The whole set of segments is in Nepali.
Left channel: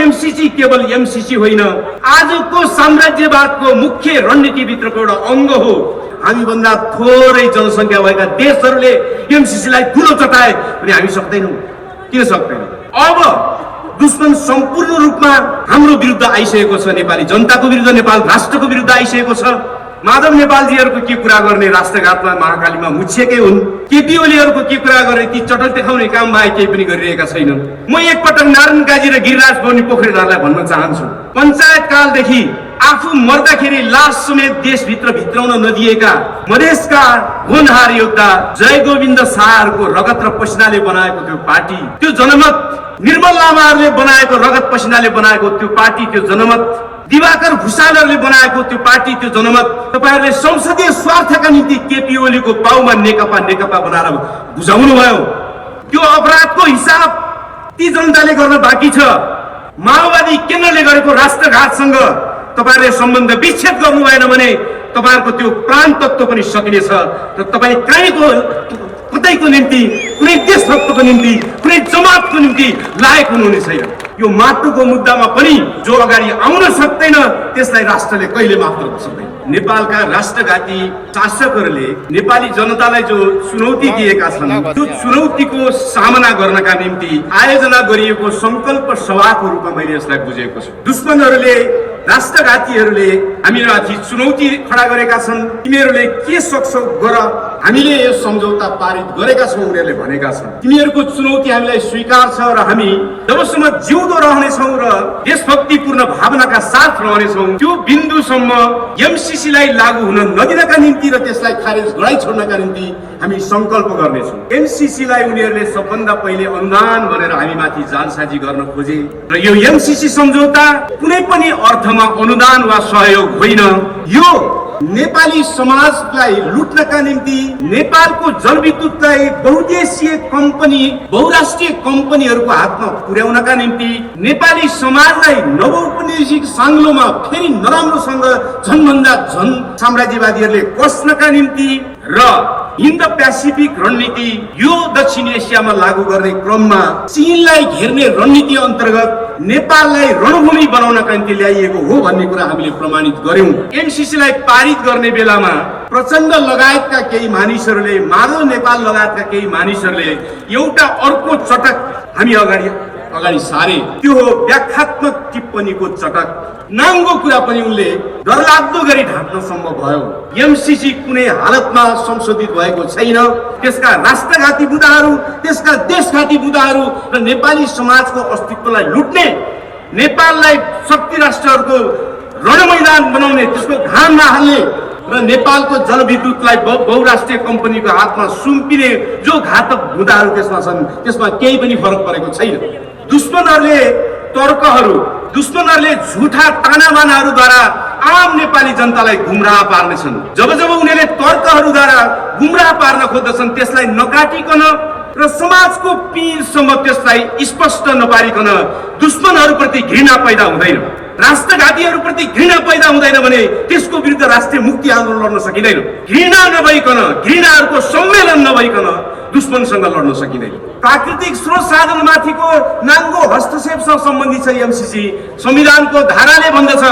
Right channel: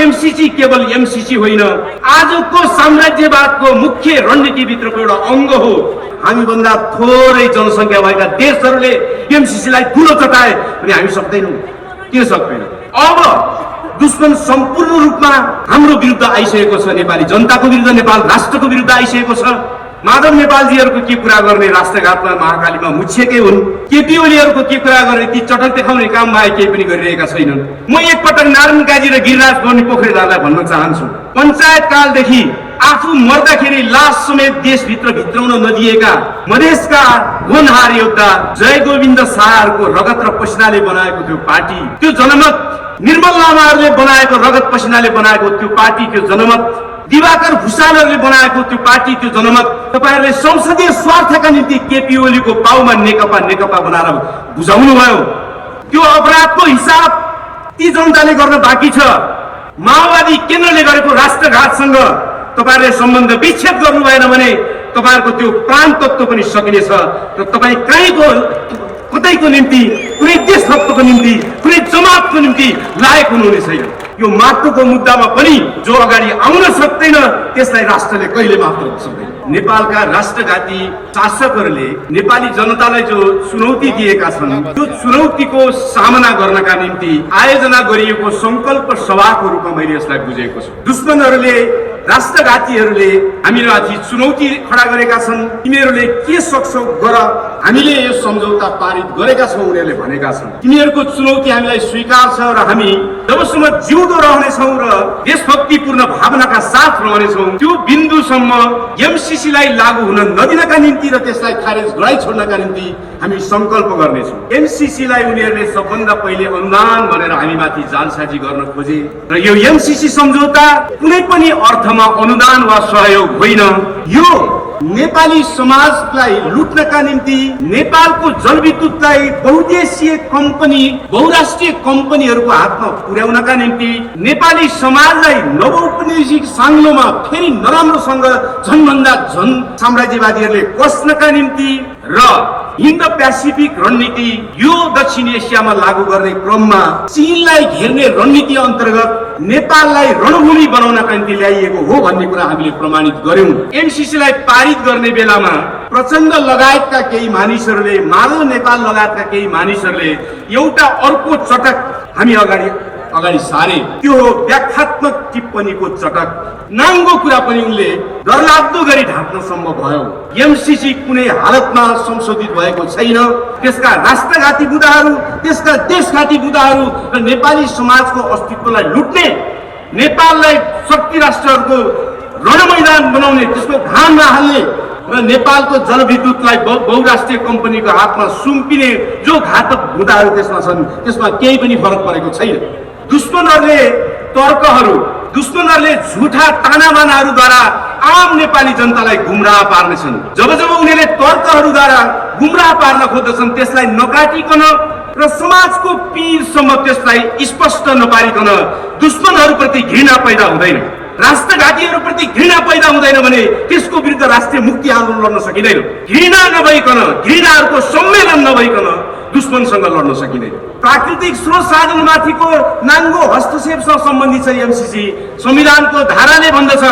एमसीसी केवल एमसीसी होइन, आजको साम्राज्यवादको मुख्य रणनीतिभित्रको एउटा अङ्ग हो। हामीभन्दा थोरै जनसङ्ख्या भएका देशहरूले एमसीसीलाई ठुलो चटाए भने हामी सक्दैनौँ, किन सक्दैन? अब दुश्मन सम्पूर्ण रूपमा हाम्रो विरुद्ध आइसकेको छ। नेपाली जनताको विरुद्ध, नेपाल राष्ट्रको विरुद्ध आइसकेको छ। माधव नेपालजीहरूको के कुरा गर्ने? राष्ट्रघातमा महाकालीमा मुछिएकै हुन्। केपी ओलीहरूको के कुरा गर्ने? ती चटल देखाउने काम बाहेक केही पनि गरिरहेका छैनन्। म एकपटक नारायण काजी र गिरिराज बर्नी पोखरेललाई भन्न चाहन्छु, पञ्चायत कालदेखि आफू मर्दाखेरि लास समेत देशभित्र भित्राउन नदिएका मधेसका होनहार योद्धा जय गोविन्द शाहहरूको रगत र पसिनाले बनाएको त्यो पार्टी, त्यो जनमत, निर्मल लामाहरूले बनाएको रगत पसिनाले बनाएको त्यो पार्टी, त्यो जनमत, दिवाकर भुषालहरूले बनाएको त्यो पार्टी, त्यो जनमत, तपाईहरूले संसदीय स्वार्थका निम्ति केपी ओलीको पाउमा नेकपा बनाएर बुझाउनु भयो। त्यो अपराधको हिसाब ती जनताले गर्न बाँकी छ। माओवादी केन्द्रले गरेको राष्ट्रघातसँग तपाईहरूले सम्बन्ध विच्छेद गर्नु भएन भने तपाईहरूको त्यो प्राण तत्त्व पनि सकिनेछ र तपाईँ कतैको निम्ति, कुनै देशभक्तको निम्ति, कुनै जमातको निम्ति लायक हुनुहुने छैन। यो माटोको मुद्दामा पनि जो अगाडि आउन सक्दैन त्यसलाई राष्ट्रले कहिले माफ गर्न सक्दैन। नेपालका राष्ट्रघाती शासकहरूले नेपाली जनतालाई जो चुनौती दिएका छन्, त्यो चुनौतीको सामना गर्नका निम्ति आयोजना गरिएको संकल्प सभाको रूपमा मैले यसलाई बुझेको छु। दुश्मनहरूले, राष्ट्रघातीहरूले हामीमाथि चुनौती खडा गरेका छन्। तिमीहरूले के सक्छौ गर, हामीले यो सम्झौता पारित गरेका छौँ उनीहरूले भनेका छन्। तिमीहरूको चुनौती हामीलाई स्वीकार छ र हामी जबसम्म जिउँदो रहनेछौँ र देशभक्तिपूर्ण भावनाका साथ रहनेछौँ त्यो बिन्दुसम्म एमसीसीलाई लागू हुन नदिनका निम्ति र त्यसलाई खारेज गराइ छोड्नका निम्ति हामी संकल्प गर्नेछौँ। एमसीसीलाई उनीहरूले सबभन्दा पहिले अनुदान भनेर हामीमाथि जालसाजी गर्न खोजे र यो एमसीसी सम्झौता कुनै पनि अर्थमा अनुदान वा सहयोग होइन। यो नेपाली समाजलाई लुट्नका निम्ति, नेपालको जलविद्युतलाई बहुदेशीय कम्पनी, बहुराष्ट्रिय कम्पनीहरूको हातमा पुर्याउनका निम्ति, नेपाली समाजलाई नवौपनिवेशिक साङ्लोमा फेरि नराम्रोसँग झनभन्दा झन साम्राज्यवादीहरूले कस्नका निम्ति र हिन्द पेसिफिक रणनीति यो दक्षिण एसियामा लागू गर्ने क्रममा चीनलाई घेर्ने रणनीति अन्तर्गत नेपाललाई रणभूमि बनाउनका निम्ति ल्याइएको हो भन्ने कुरा हामीले प्रमाणित गर्यौं। एमसीसीलाई पारित गर्ने बेलामा प्रचण्ड लगायतका केही मानिसहरूले, माधव नेपाल लगायतका केही मानिसहरूले एउटा अर्को चटक हामी अगाडि सारे। त्यो व्याख्यात्मक टिप्पणीको चटक, नाङ्गो कुरा पनि उनले डरलाग्दो गरी ढाक्न सम्भव भयो। एमसीसी कुनै हालतमा संशोधित भएको छैन। त्यसका राष्ट्रघाती बुदाहरू, त्यसका देशघाती बुदाहरू र नेपाली समाजको अस्तित्वलाई लुट्ने, नेपाललाई शक्ति राष्ट्रहरूको रणमैदान बनाउने, त्यसको घाममा हाल्ने र नेपालको जलविद्युतलाई बहुराष्ट्रिय कम्पनीको हातमा सुम्पिने जो घातक बुदाहरू त्यसमा छन्, त्यसमा केही पनि फरक परेको छैन। दुश्मनहरूले झुठा तानाबानाहरूद्वारा आम नेपाली जनतालाई गुमराह पार्नेछन्। जब उनीहरूले तर्कहरूद्वारा गुमराह पार्न खोज्दछन् त्यसलाई नकाटिकन र समाजको पीरसम्म त्यसलाई स्पष्ट नपारिकन दुश्मनहरूप्रति घृणा पैदा हुँदैन, राष्ट्रघातीहरूप्रति घृणा पैदा हुँदैन भने त्यसको विरुद्ध राष्ट्रिय मुक्ति आन्दोलन लड्न सकिँदैन। घृणा नभइकन, घृणाहरूको सम्मेलन नभइकन दुश्मनसँग लड्न सकिँदैन। प्राकृतिक स्रोत साधनमाथिको नाङ्गो हस्तक्षेपसँग सम्बन्धित छ एमसीसी। संविधानको धाराले भन्दछ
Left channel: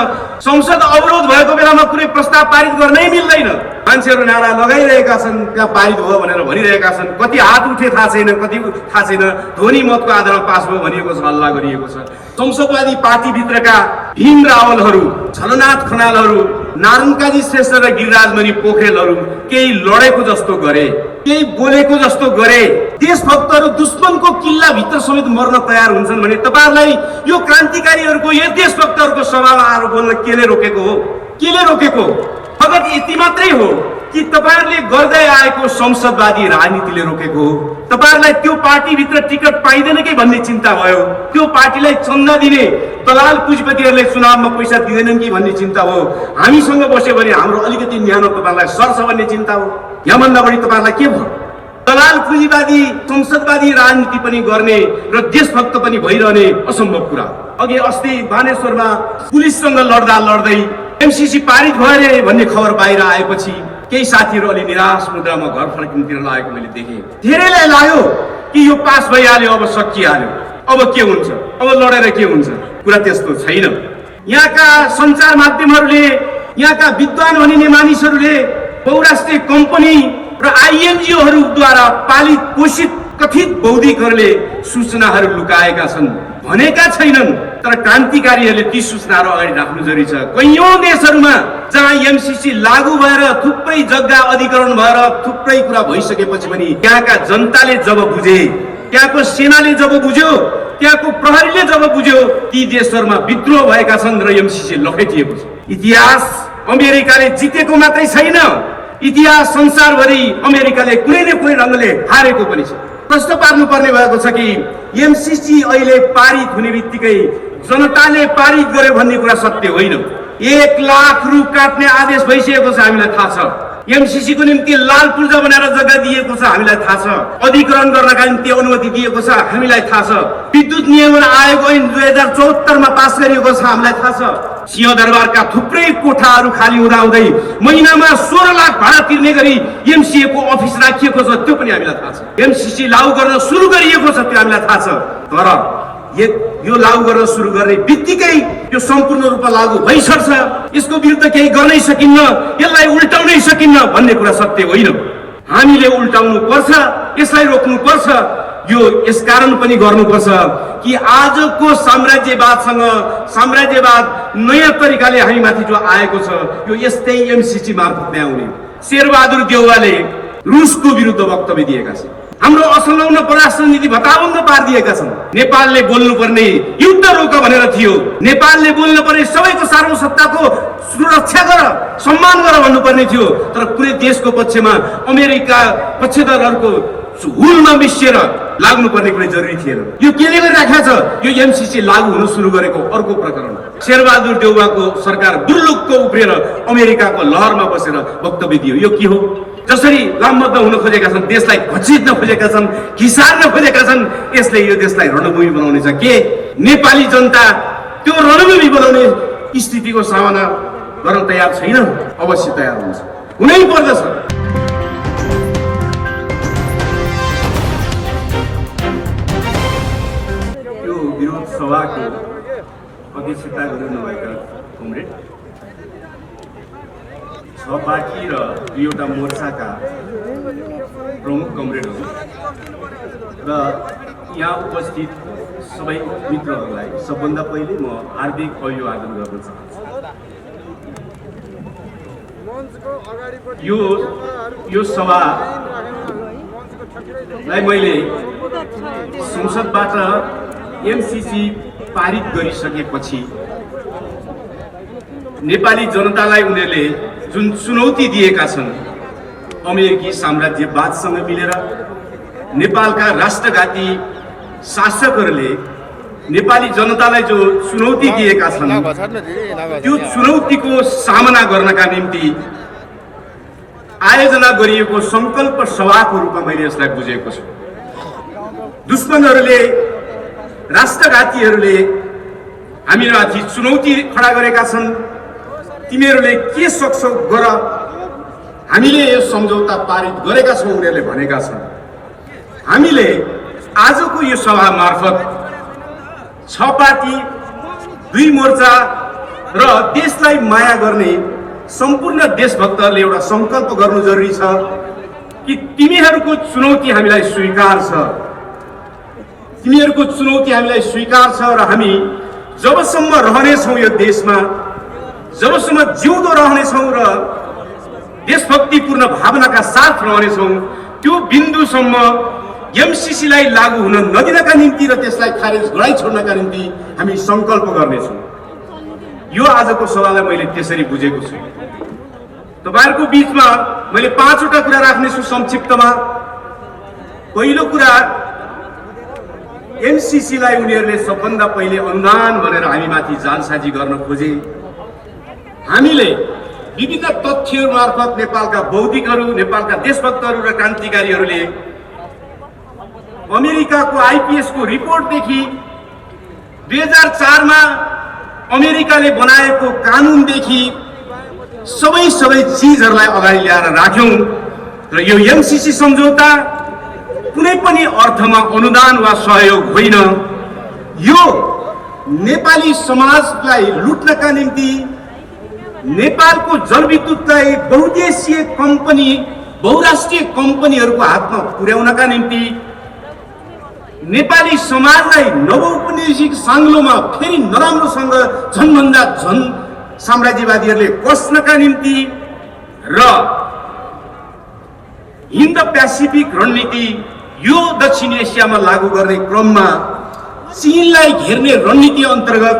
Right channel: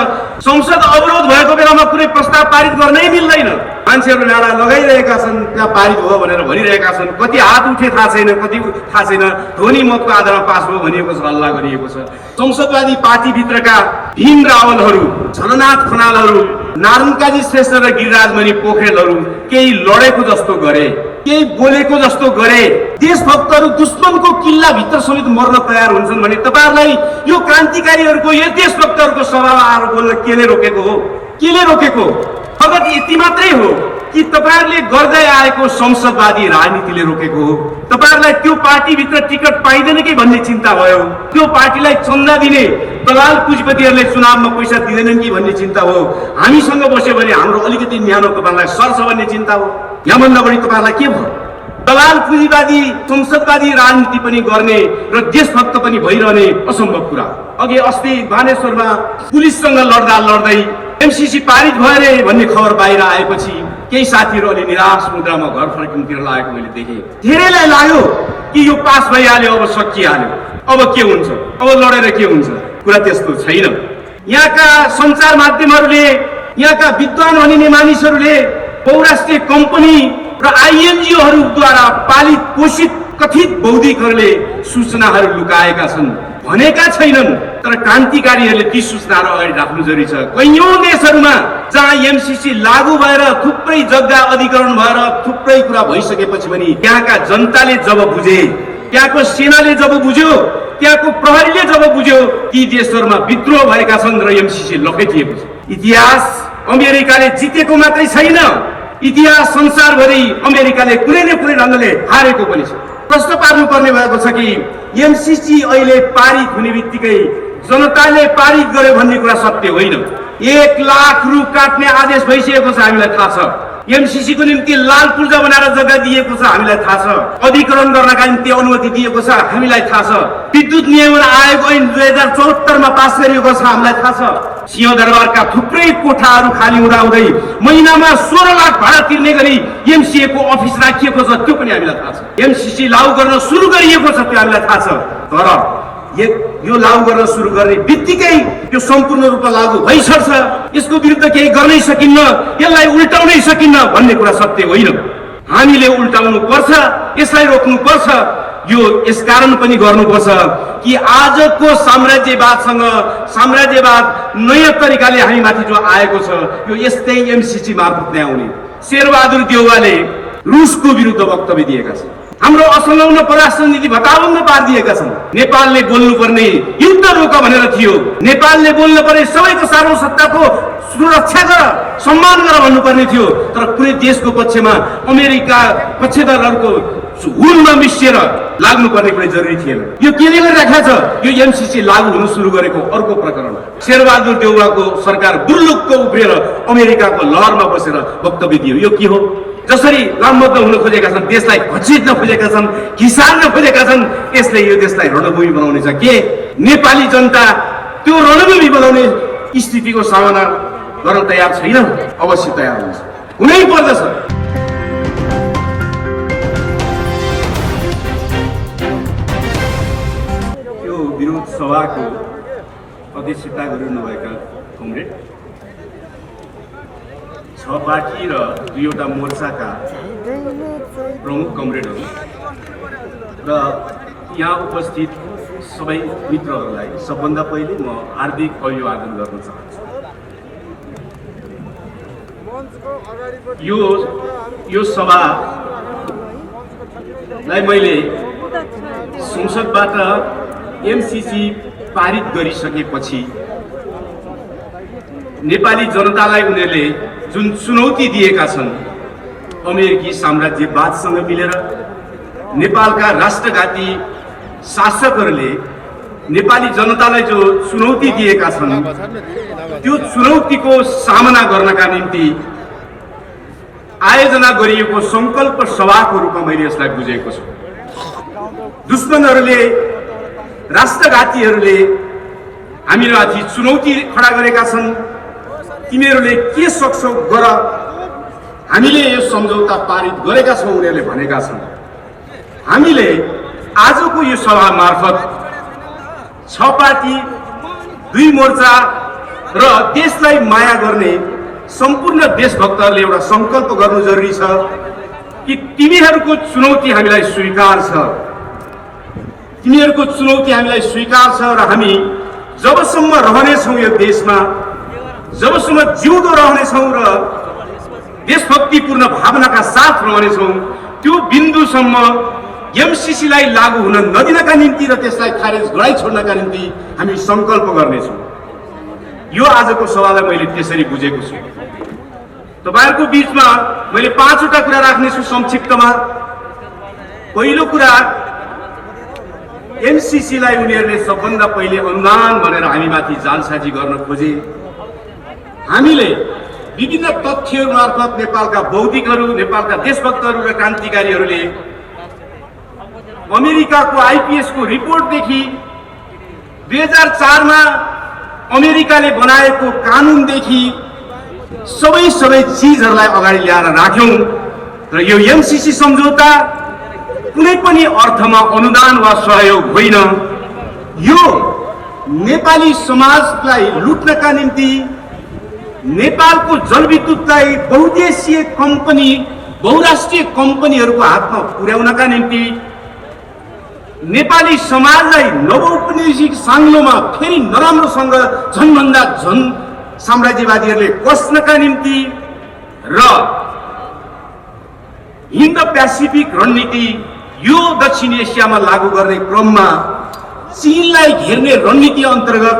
संसद अवरोध भएको बेलामा कुनै प्रस्ताव पारित गर्नै मिल्दैन। मान्छेहरू नारा लगाइरहेका छन्, त्यहाँ पारित भयो भनेर भनिरहेका छन्। कति हात उठे थाहा छैन, कति थाहा छैन। ध्वनि मतको आधारमा पास भयो भनिएको छ, हल्ला गरिएको छ। संसदवादी पार्टीभित्रका भीम रावलहरू, झलनाथ खनालहरू, नारायण काजी श्रेष्ठ र गिरिराजमणि पोखरेलहरू केही लडेको जस्तो गरे, केही बोलेको जस्तो गरे। देशभक्तहरू दुश्मनको किल्लाभित्र समेत मर्न तयार हुन्छन् भने तपाईहरूलाई यो क्रान्तिकारीहरूको, यो देशभक्तहरूको सभामा आएर बोल्न केले रोकेको हो? केले रोकेको? फकत यति मात्रै हो कि तपाईहरूले गर्दै आएको संसदवादी राजनीतिले रोकेको हो? तपाईहरूलाई त्यो पार्टीभित्र टिकट पाइँदैन कि भन्ने चिन्ता भयो? त्यो पार्टीलाई चन्दा दिने दलाल पुँजीपतिहरूले चुनावमा पैसा दिँदैनन् कि भन्ने चिन्ता हो? हामीसँग बस्यो भने हाम्रो अलिकति न्यानो तपाईँलाई सर्छ भन्ने चिन्ता हो? यहाँभन्दा बढी तपाईँहरूलाई के भयो? दलाल पुँजीवादी संसदवादी राजनीति पनि गर्ने र देशभक्त पनि भइरहने असम्भव कुरा। अघि अस्ति बानेश्वरमा पुलिससँग लड्दै एमसीसी पारित भयो रे भन्ने खबर बाहिर आएपछि केही साथीहरू अलि निराश मुद्रामा घर फर्किनुतिर लागेको मैले देखेँ। धेरैलाई लाग्यो कि यो पास भइहाल्यो, अब सकिहाल्यो, अब के हुन्छ, अब लडेर के हुन्छ। कुरा त्यस्तो छैन। यहाँका सञ्चार माध्यमहरूले, यहाँका विद्वान भनिने मानिसहरूले बहुराष्ट्रिय कम्पनी र आइएनजिओहरूद्वारा पालित पोषित कथित बौद्धिकहरूले सूचनाहरू लुकाएका छन् भनेका छैनन्, तर क्रान्तिकारीहरूले ती सूचनाहरू अगाडि राख्नु जरुरी छ। कैयौं देशहरूमा जहाँ एमसीसी लागू भएर थुप्रै जग्गा अधिग्रहण भएर थुप्रै कुरा भइसकेपछि पनि त्यहाँका जनताले जब बुझे, त्यहाँको सेनाले जब बुझ्यो, त्यहाँको प्रहरीले जब बुझ्यो ती देशहरूमा विद्रोह भएका छन् र एमसीसी लखेटिएको छ। इतिहास अमेरिकाले जितेको मात्रै छैन, इतिहास संसारभरि अमेरिकाले कुनै न कुनै ढङ्गले हारेको पनि छ। प्रश्न पार्नुपर्ने भएको छ कि एमसीसी अहिले पारित हुने बित्तिकै जनताले पारित गर्यो भन्ने कुरा सत्य होइन। 1 लाख रुख काट्ने आदेश भइसकेको छ, हामीलाई थाहा छ। एमसीसी को निम्ति लाल पूर्जा बनाएर जग्गा दिएको छ, हामीलाई थाहा छ। अधिग्रहण गर्नका निम्ति अनुमति दिएको छ, हामीलाई थाहा छ। विद्युत नियमन आयोग ऐन 2074 मा पास गरिएको छ, हामीलाई थाहा छ। सिंहदरबारका थुप्रै कोठाहरू खाली हुँदाहुँदै महिनामा 16 लाख भाडा तिर्ने गरी एमसीए को अफिस राखिएको छ, त्यो पनि हामीलाई थाहा छ। एमसीसी लागू गर्न सुरु गरिएको छ, त्यो हामीलाई थाहा छ। तर यो लागू गर्न सुरु गर्ने बित्तिकै यो सम्पूर्ण रूपमा लागू भइसक्छ, यसको विरुद्ध केही गर्नै सकिन्न, यसलाई उल्टाउनै सकिन्न भन्ने कुरा सत्य होइन। हामीले उल्टाउनु पर्छ, यसलाई रोक्नु पर्छ। यो यसकारण पनि गर्नुपर्छ कि आजको साम्राज्यवाद नयाँ तरिकाले हामी माथि जो आएको छ यो यस्तै एमसीसी मार्फत नै आउने। शेरबहादुर देउवाले रुसको विरुद्ध वक्तव्य दिएका छन्, हाम्रो असंलग्न परराष्ट्र नीति भताभङ्ग पारिदिएका छन्। नेपालले बोल्नुपर्ने युद्ध रोक भनेर थियो, नेपालले बोल्नुपर्ने सबैको सार्वभौमसत्ताको सुरक्षा गर, सम्मान गर भन्नुपर्ने थियो। तर कुनै देशको पक्षमा अमेरिका पक्षधरहरूको हुलमा मिसिएर लाग्नुपर्ने कुनै जरुरी थिएन। यो केले राखेको छ? यो एमसीसी लागू हुन सुरु गरेको अर्को प्रकरण। शेरबहादुर देउवाको सरकार दुर्लुक्क उफ्रिएर अमेरिकाको लहरमा बसेर वक्तव्य दियो। यो के हो? जसरी लामबद्ध हुन खोजेका छन्, देशलाई घचिट्न खोजेका छन्, घिसार्न खोजेका छन्, यसले यो देशलाई रणभूमि बनाउने छ। के नेपाली जनता त्यो रणभूमि बनाउने स्थितिको सामना गर्न तयार छैन? अवश्य तयार हुन्छ, हुनै पर्दछ। यो विरोध सभाको अध्यक्षता गरिनुभएका कमरेड बाँकी र 2वटा मोर्चाका प्रमुख कमरेडहरू र यहाँ उपस्थित सबै मित्रहरूलाई सबभन्दा पहिले म हार्दिक अभिवादन गर्न चाहन्छु। यो सभालाई मैले संसदबाट एमसीसी पारित गरिसकेपछि नेपाली जनतालाई उनीहरूले जुन चुनौती दिएका छन्, अमेरिकी साम्राज्यवादसँग मिलेर नेपालका राष्ट्रघाती शासकहरूले नेपाली जनतालाई जो चुनौती दिएका छन्, त्यो चुनौतीको सामना गर्नका निम्ति आयोजना गरिएको संकल्प सभाको रूपमा मैले यसलाई बुझेको छु। दुश्मनहरूले, राष्ट्रघातीहरूले हामीमाथि चुनौती खडा गरेका छन्। तिमीहरूले के सक्छौ गर, हामीले यो सम्झौता पारित गरेका छौँ उनीहरूले भनेका छन्। हामीले आजको यो सभा मार्फत 6 पार्टी, 2 मोर्चा र देशलाई माया गर्ने सम्पूर्ण देशभक्तहरूले एउटा संकल्प गर्नु जरुरी छ कि तिमीहरूको चुनौती हामीलाई स्वीकार छ, तिमीहरूको चुनौती हामीलाई स्वीकार छ र हामी जबसम्म रहनेछौँ यो देशमा, जबसम्म जिउँदो रहनेछौँ र देशभक्तिपूर्ण भावनाका साथ रहनेछौँ, त्यो बिन्दुसम्म एमसीसीलाई लागू हुन नदिनका निम्ति र त्यसलाई खारेज गराइ छोड्नका निम्ति हामी संकल्प गर्नेछौँ। यो आजको सभालाई मैले त्यसरी बुझेको छु। तपाईहरुको बीचमा मैले 5वटा कुरा राख्नेछु संक्षिप्तमा। पहिलो कुरा, एमसीसीलाई उनीहरूले सबभन्दा पहिले अनुदान भनेर हामीमाथि जालसाजी गर्न खोजे। हामीले विभिन्न तथ्यहरू मार्फत नेपालका बौद्धिकहरू, नेपालका देशभक्तहरू र क्रान्तिकारीहरूले अमेरिकाको आईपीएस को रिपोर्टदेखि 2004 मा अमेरिकाले बनाएको कानुनदेखि सबै चीजहरूलाई अगाडि ल्याएर राख्यौं र यो एमसीसी सम्झौता कुनै पनि अर्थमा अनुदान वा सहयोग होइन। यो नेपाली समाजलाई लुट्नका निम्ति नेपालको जलविद्युतलाई बहुदेशीय कम्पनी बहुराष्ट्रिय कम्पनीहरूको हातमा पुर्याउनका निम्ति नेपाली समाजलाई नवौपनिवेशिक साङ्लोमा फेरि नराम्रोसँग झनभन्दा झन साम्राज्यवादीहरूले कस्नका निम्ति र हिन्द प्यासिफिक रणनीति यो दक्षिण एसियामा लागू गर्ने क्रममा चीनलाई घेर्ने रणनीति अन्तर्गत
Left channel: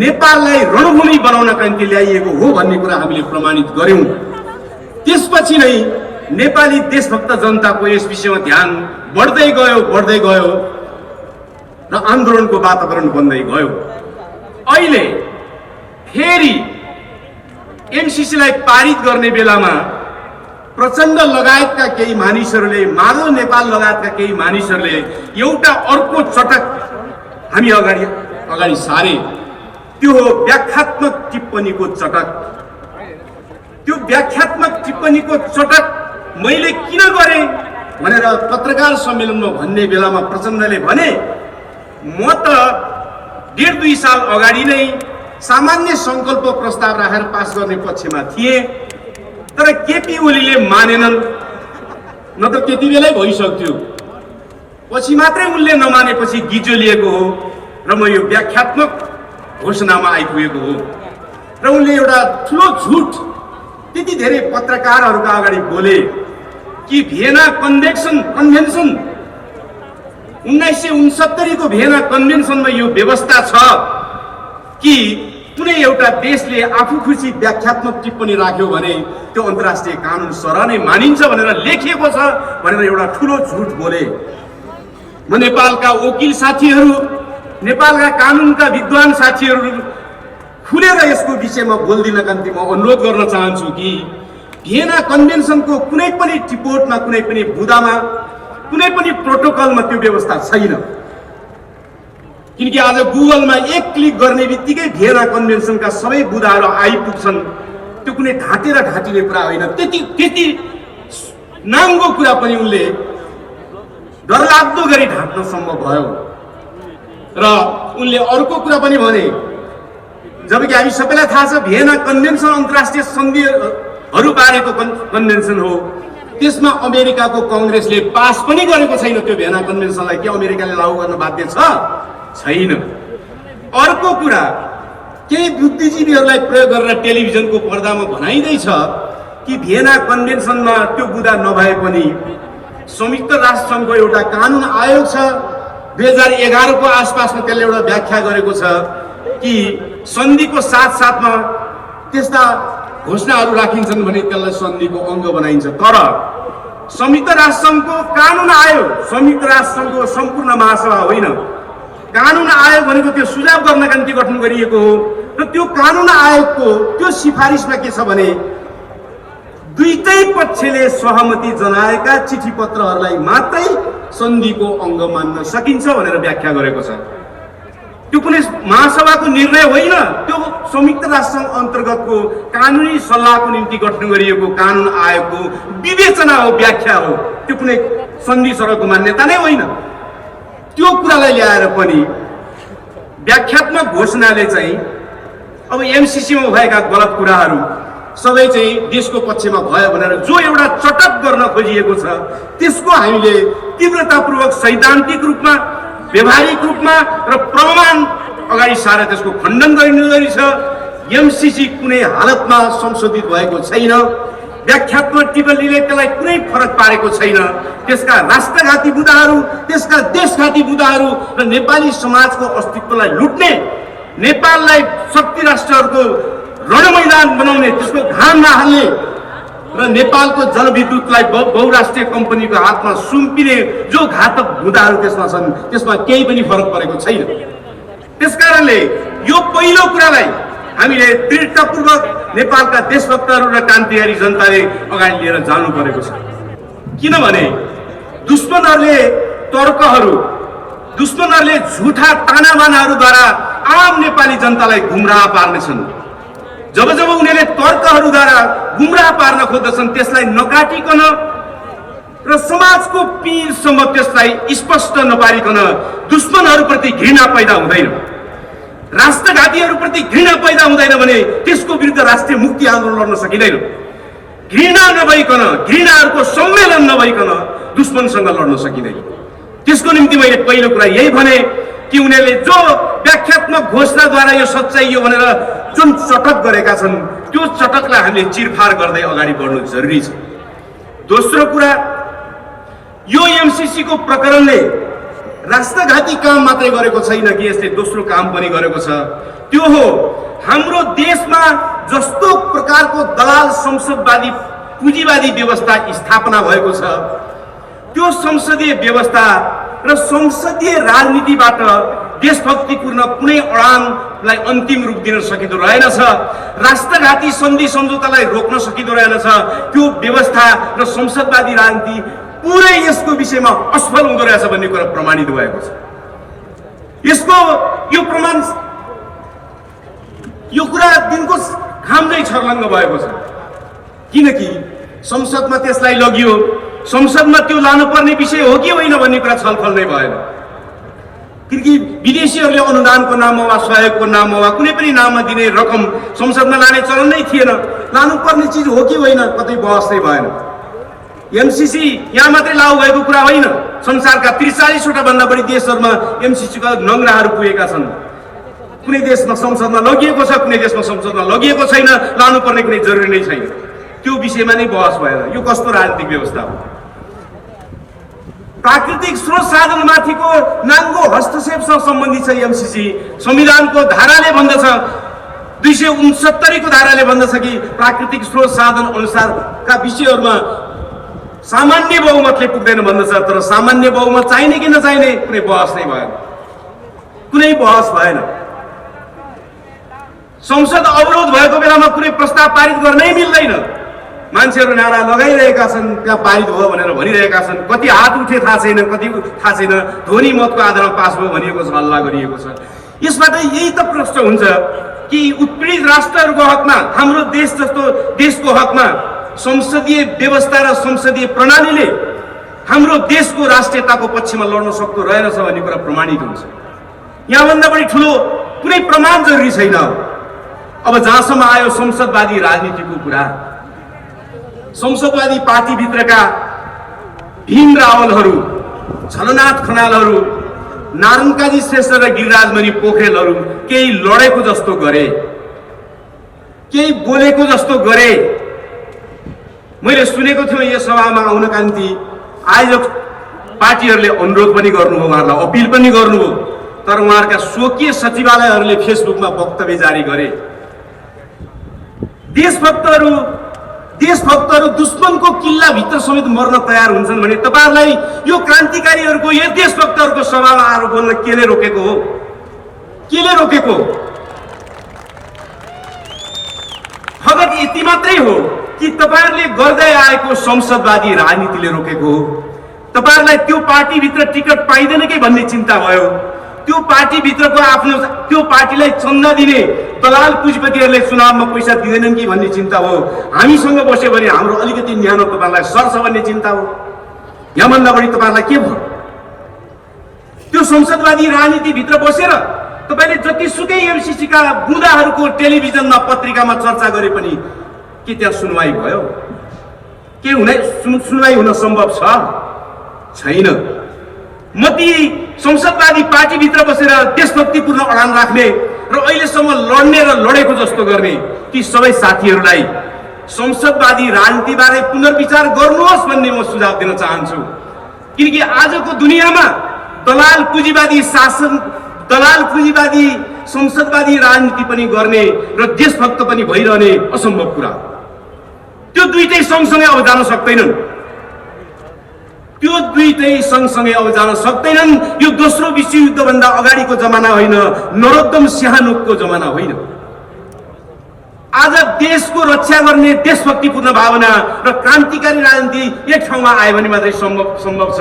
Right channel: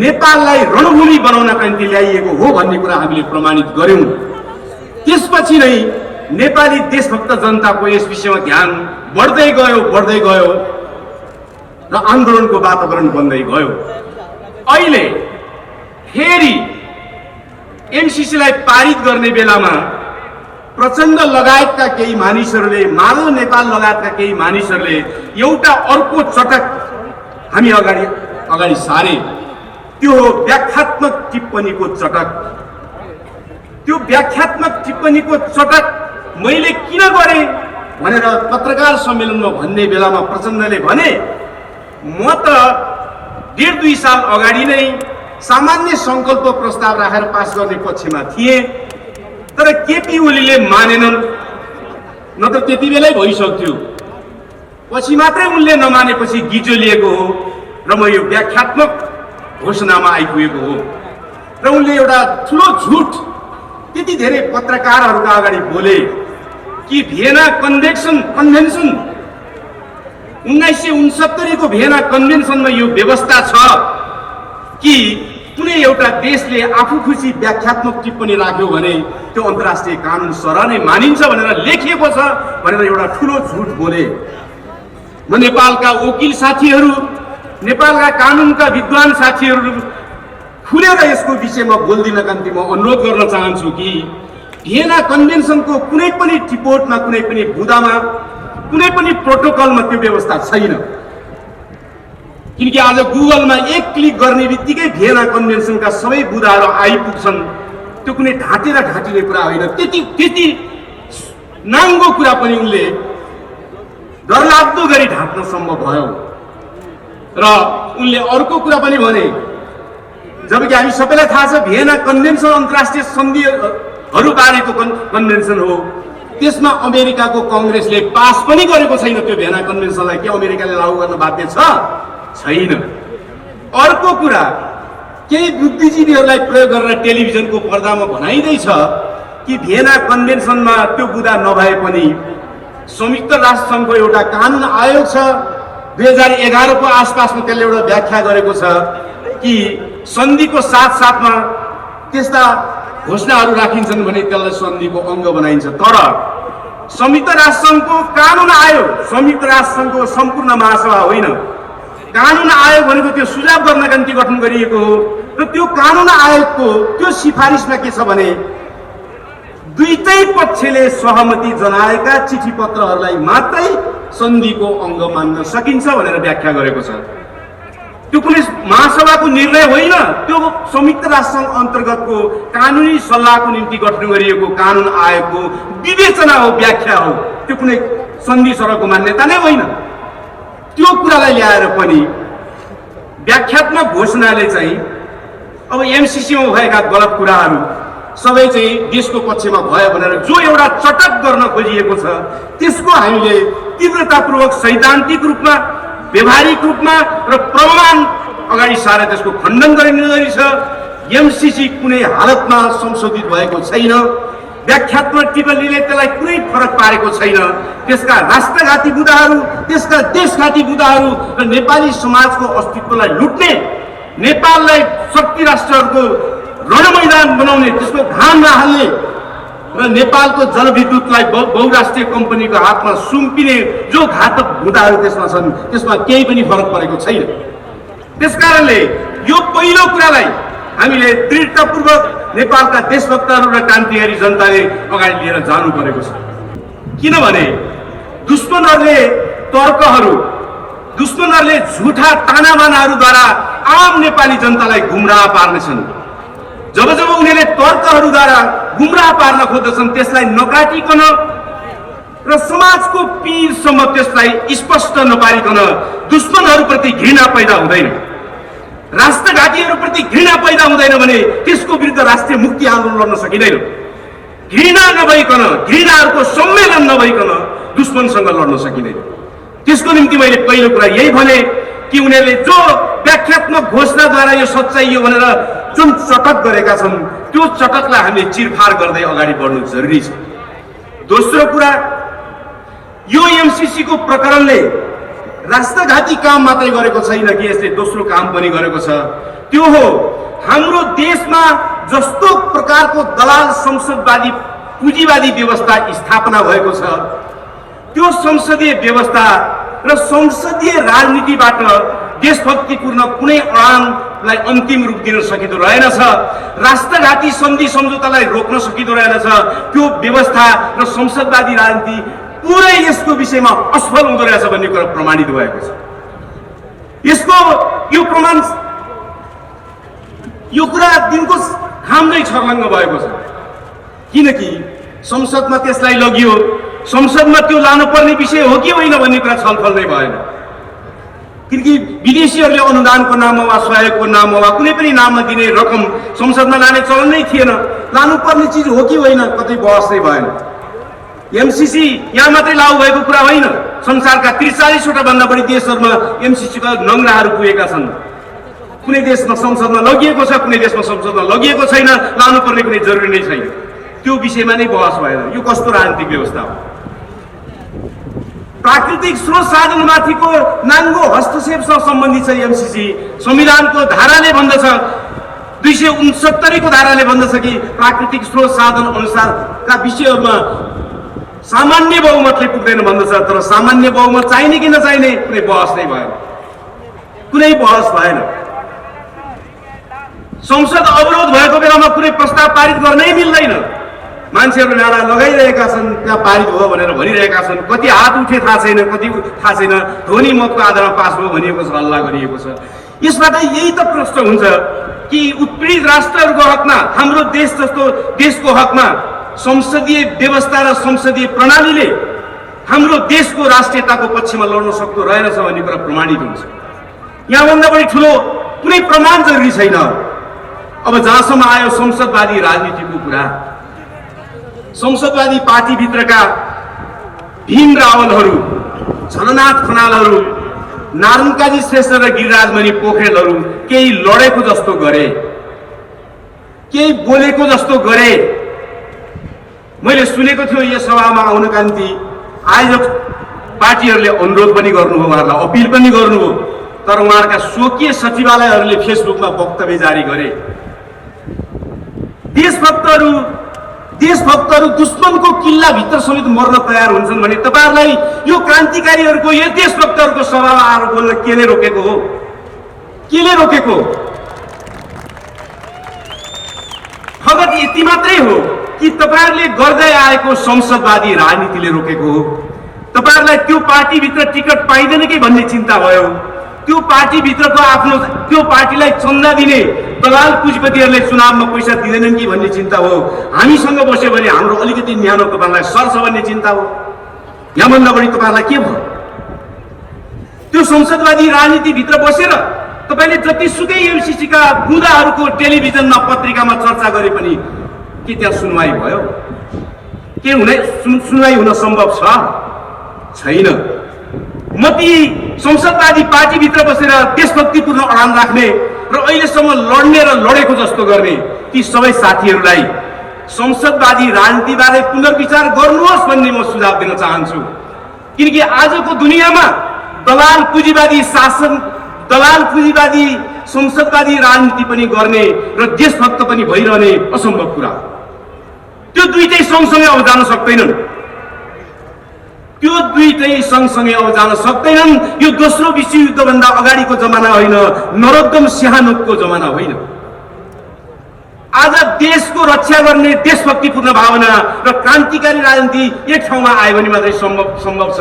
नेपाललाई रणभूमि बनाउनका निम्ति ल्याइएको हो भन्ने कुरा हामीले प्रमाणित गर्यौं। त्यसपछि नै नेपाली देशभक्त जनताको यस विषयमा ध्यान बढ्दै गयो र आन्दोलनको वातावरण बन्दै गयो। अहिले फेरि एमसीसीलाई पारित गर्ने बेलामा प्रचण्ड लगायतका केही मानिसहरूले, माधव नेपाल लगायतका केही मानिसहरूले एउटा अर्को चटक हामी अगाडि सारे। त्यो हो व्याख्यात्मक टिप्पणीको चटक। त्यो व्याख्यात्मक टिप्पणीको चटक मैले किन गरेँ भनेर पत्रकार सम्मेलनमा भन्ने बेलामा प्रचण्डले भने, म त 1.5-2 साल अगाडि नै सामान्य संकल्प प्रस्ताव राखेर पास गर्ने पक्षमा थिए, तर केपी ओलीले मानेनन्। न त त्यति बेलै भइसक्थ्यो, पछि मात्रै उनले नमानेपछि गिजोलिएको हो र म यो व्याख्यात्मक घोषणामा आइपुगेको हो। र उनले एउटा ठुलो झुट त्यति धेरै पत्रकारहरूका अगाडि बोले कि भियना कन्भेन्सन 1969 को भियना कन्भेन्सनमा यो व्यवस्था छ कि कुनै एउटा देशले आफू खुसी व्याख्यात्मक टिप्पणी राख्यो भने त्यो अन्तर्राष्ट्रिय कानुन सरह नै मानिन्छ भनेर लेखिएको छ भनेर एउटा ठुलो झुट बोले। म नेपालका वकिल साथीहरू, नेपालका कानुनका विद्वान साथीहरू खुलेर यसको विषयमा बोल्दिनका निम्ति म अनुरोध गर्न चाहन्छु कि भियना कन्भेन्सनको कुनै पनि टिपोटमा, कुनै पनि बुदामा, कुनै पनि प्रोटोकलमा त्यो व्यवस्था छैन। किनकि आज गुगलमा एक क्लिक गर्ने बित्तिकै भियना कन्भेन्सनका सबै बुदाहरू आइपुग्छन्। त्यो कुनै ढाँटेर ढाँटिने कुरा होइन। त्यति नाङ्गो कुरा पनि उनले डरलाग्दो गरी ढाँट्न सम्भव भयो। र उनले अर्को कुरा पनि भने, जबकि हामी सबैलाई थाहा छ भियना कन्भेन्सन अन्तर्राष्ट्रिय सन्धिहरू बारेको कन्भेन्सन हो, त्यसमा अमेरिकाको कङ्ग्रेसले पास पनि गरेको छैन। त्यो भियना कन्भेन्सनलाई के अमेरिकाले लागू गर्न बाध्य छैन। अर्को कुरा, केही बुद्धिजीवीहरूलाई प्रयोग गरेर टेलिभिजनको पर्दामा भनाइँदैछ कि भियना कन्भेन्सनमा त्यो बुदा नभए पनि संयुक्त राष्ट्र सङ्घको एउटा कानुन आयोग छ, 2011 को आसपासमा त्यसले एउटा व्याख्या गरेको छ कि सन्धिको साथसाथमा त्यस्ता घोषणाहरू राखिन्छन् भने त्यसलाई सन्धिको अङ्ग बनाइन्छ। तर संयुक्त राष्ट्र सङ्घको कानुन आयोग संयुक्त राष्ट्र सङ्घको सम्पूर्ण महासभा होइन। कानुन आयोग भनेको त्यो सुझाव गर्नका निम्ति गठन गरिएको हो र त्यो कानुन आयोगको त्यो सिफारिसमा के छ भने दुईटै पक्षले सहमति जनाएका चिठी पत्रहरूलाई मात्रै सन्धिको अङ्ग मान्न सकिन्छ भनेर व्याख्या गरेको छ। त्यो कुनै महासभाको निर्णय होइन, त्यो संयुक्त राष्ट्र अन्तर्गतको कानुनी सल्लाहको निम्ति गठन गरिएको कानुन आयोगको विवेचना हो, व्याख्या हो। त्यो कुनै सन्धि सरहको मान्यता नै होइन। त्यो कुरालाई ल्याएर पनि व्याख्यात्मक घोषणाले चाहिँ अब एमसीसीमा भएका गलत कुराहरू सबै चाहिँ देशको पक्षमा भयो भनेर जो एउटा चटक गर्न खोजिएको छ त्यसको हामीले तीव्रतापूर्वक सैद्धान्तिक रूपमा, व्यवहारिक रूपमा र प्रमाण अगाडि सारे त्यसको खण्डन गरिने छ। एमसीसी कुनै हालतमा संशोधित भएको छैन। व्याख्यात्मक टिप्पणीले त्यसलाई कुनै फरक पारेको छैन। त्यसका राष्ट्रघाती बुदाहरू, त्यसका देशघाती बुदाहरू र नेपाली समाजको अस्तित्वलाई लुट्ने, नेपाललाई शक्ति राष्ट्रहरूको रणमैदान बनाउने, त्यसको घाम नहाल्ने र नेपालको जलविद्युतलाई बहुराष्ट्रिय कम्पनीको हातमा सुम्पिने जो घातक बुदाहरू त्यसमा छन्, त्यसमा केही पनि फरक परेको छैन। त्यसकारणले यो पहिलो कुरालाई हामीले दृढतापूर्वक नेपालका देशभक्तहरू र क्रान्तिकारी जनताले अगाडि लिएर जानु परेको छ। किनभने दुश्मनहरूले दुश्मनहरूले झुठा तानाबानाहरूद्वारा आम नेपाली जनतालाई गुमराह पार्नेछन्। जब उनीहरूले तर्कहरूद्वारा गुमराह पार्न खोज्दछन् त्यसलाई नकाटिकन र समाजको पीरसम्म त्यसलाई स्पष्ट नपारिकन दुश्मनहरूप्रति घृणा पैदा हुँदैन। राष्ट्रघातीहरूप्रति घृणा पैदा हुँदैन भने त्यसको विरुद्ध राष्ट्रिय मुक्ति आन्दोलन लड्न सकिँदैन। घृणा नभइकन, घृणाहरूको सम्मेलन नभइकन दुश्मनसँग लड्न सकिँदैन। त्यसको निम्ति मैले पहिलो कुरा यही भने कि उनीहरूले जो व्याख्यात्मक घोषणाद्वारा यो सच्चाइ हो भनेर जुन चटक गरेका छन् त्यो चटकलाई हामीले चिरफार गर्दै अगाडि बढ्नु जरुरी छ। दोस्रो कुरा, यो एमसीसी को प्रकरणले राष्ट्रघाती काम मात्रै गरेको छैन कि यसले दोस्रो काम पनि गरेको छ। त्यो हो हाम्रो देशमा जस्तो प्रकारको दलाल संसदवादी पुँजीवादी व्यवस्था स्थापना भएको छ त्यो संसदीय व्यवस्था र संसदीय राजनीतिबाट देशभक्तिपूर्ण कुनै अडानलाई अन्तिम रूप दिन सकिँदो रहेनछ। राष्ट्रघाती सन्धि सम्झौतालाई रोक्न सकिँदो रहेनछ। त्यो व्यवस्था र संसदवादी राजनीति पुरै यसको विषयमा असफल हुँदो रहेछ भन्ने कुरा प्रमाणित भएको छ। यसको यो प्रमाण, यो कुरा दिनको घाममै छर्लङ्ग भएको छ। किनकि संसदमा त्यसलाई लगियो, संसदमा त्यो लानुपर्ने विषय हो कि होइन भन्ने कुरा छलफल नै भएन। किनकि विदेशीहरूले अनुदानको नाममा वा सहयोगको नाममा वा कुनै पनि नाममा दिने रकम संसदमा लाने चलन नै थिएन। लानुपर्ने चिज हो कि होइन कतै बहस नै भएन। एमसीसी यहाँ मात्रै लागू भएको कुरा होइन, संसारका 43 वटा भन्दा बढी देशहरूमा एमसीसी का नङ्ग्राहरू पुगेका छन्। कुनै देशमा संसदमा लगिएको छ, कुनै देशमा संसदमा लगिएको छैन, लानुपर्ने कुनै जरुरी नै छैन। त्यो विषयमा नै बहस भएन। यो कस्तो राजनीतिक व्यवस्था हो? प्राकृतिक स्रोत साधनमाथिको नाङ्गो हस्तक्षेपसँग सम्बन्धित छ एमसीसी। संविधानको धाराले भन्दछ, 269 को धाराले भन्दछ कि प्राकृतिक स्रोत साधन अनुसारका विषयहरूमा सामान्य बहुमतले पुग्दैन भन्दछ। तर सामान्य बहुमत चाहिने कि नचाहिने कुनै बहस नै भएन, कुनै बहस भएन। संसद अवरोध भएको बेलामा कुनै प्रस्ताव पारित गर्नै मिल्दैन। मान्छेहरू नारा लगाइरहेका छन्, त्यहाँ पारित भयो भनेर भनिरहेका छन्। कति हात उठे थाहा छैन, कति थाहा छैन। ध्वनि मतको आधारमा पास भयो भनिएको छ, हल्ला गरिएको छ। यसबाट यही त प्रश्न हुन्छ कि उत्पीडित राष्ट्रहरूको हकमा, हाम्रो देश जस्तो देशको हकमा संसदीय व्यवस्था र संसदीय प्रणालीले हाम्रो देशको राष्ट्रियताको पक्षमा लड्न सक्दो रहेनछ भन्ने कुरा प्रमाणित हुन्छ। यहाँभन्दा बढी ठुलो कुनै प्रमाण जरुरी छैन। अब जहाँसम्म आयो संसदवादी राजनीतिको कुरा, संसदवादी पार्टीभित्रका भीम रावलहरू, झलनाथ खनालहरू, नारायणकाजी श्रेष्ठ र गिरिराजमणि पोखरेलहरू केही लडेको जस्तो गरे, केही बोलेको जस्तो गरे। मैले सुनेको थियो यस सभामा आउनका निम्ति आयोजक पार्टीहरूले अनुरोध पनि गर्नुभयो, उहाँहरूलाई अपिल पनि गर्नुभयो। तर उहाँहरूका स्वकीय सचिवालयहरूले फेसबुकमा वक्तव्य जारी गरे। देशभक्तहरू दुश्मनको किल्लाभित्र समेत मर्न तयार हुन्छन् भने तपाईहरुलाई यो क्रान्तिकारीहरूको, यो देशभक्तहरूको सभामा आएर बोल्न केले रोकेको हो? केले रोकेको? फगत यति मात्रै हो कि तपाईहरुले गर्दै आएको संसदवादी राजनीतिले रोकेको हो? तपाईहरुलाई त्यो पार्टीभित्र टिकट पाइदैन कि भन्ने चिन्ता भयो? त्यो पार्टीभित्रको आफ्नो त्यो पार्टीलाई चन्दा दिने दलाल पुँजीपतिहरूले चुनावमा पैसा दिँदैनन् कि भन्ने चिन्ता हो? हामीसँग बस्यो भने हाम्रो अलिकति न्यानो तपाईहरुलाई सर्छ भन्ने चिन्ता हो? यहाँभन्दा बढी तपाईहरुलाई के भयो? त्यो संसदवादी राजनीतिभित्र बसेर तपाईले जतिसुकै एमसीसी का बुँदाहरूको टेलिभिजनमा पत्रिकामा चर्चा गरे पनि के त्यहाँ सुनवाई भयो? के सुनवाई हुन सम्भव छ? छैन। म ती संसदवादी पार्टीभित्र बसेर देशभक्तिपूर्ण अडान राख्ने र अहिलेसम्म लड्ने र लडेको जस्तो गर्ने ती सबै साथीहरूलाई संसदवादी राजनीतिबारे पुनर्विचार गर्नुहोस् भन्ने म सुझाव दिन चाहन्छु। किनकि आजको दुनियाँमा दलाल पुँजीवादी शासन, दलाल पुँजीवादी संसदवादी राजनीति पनि गर्ने र देशभक्त पनि भइरहने असम्भव कुरा हो। त्यो दुईटै सँगसँगै अब जान सक्दैनन्। त्यो दुईटै सँगसँगै अब जान सक्दैनन्। यो दोस्रो विश्वयुद्धभन्दा अगाडिको जमाना होइन, नरोत्तम सिंहानुको जमाना होइन। आज देशको रक्षा गर्ने देशभक्तिपूर्ण भावना र क्रान्तिकारी राजनीति एक ठाउँमा आयो भने मात्रै सम्भव छ।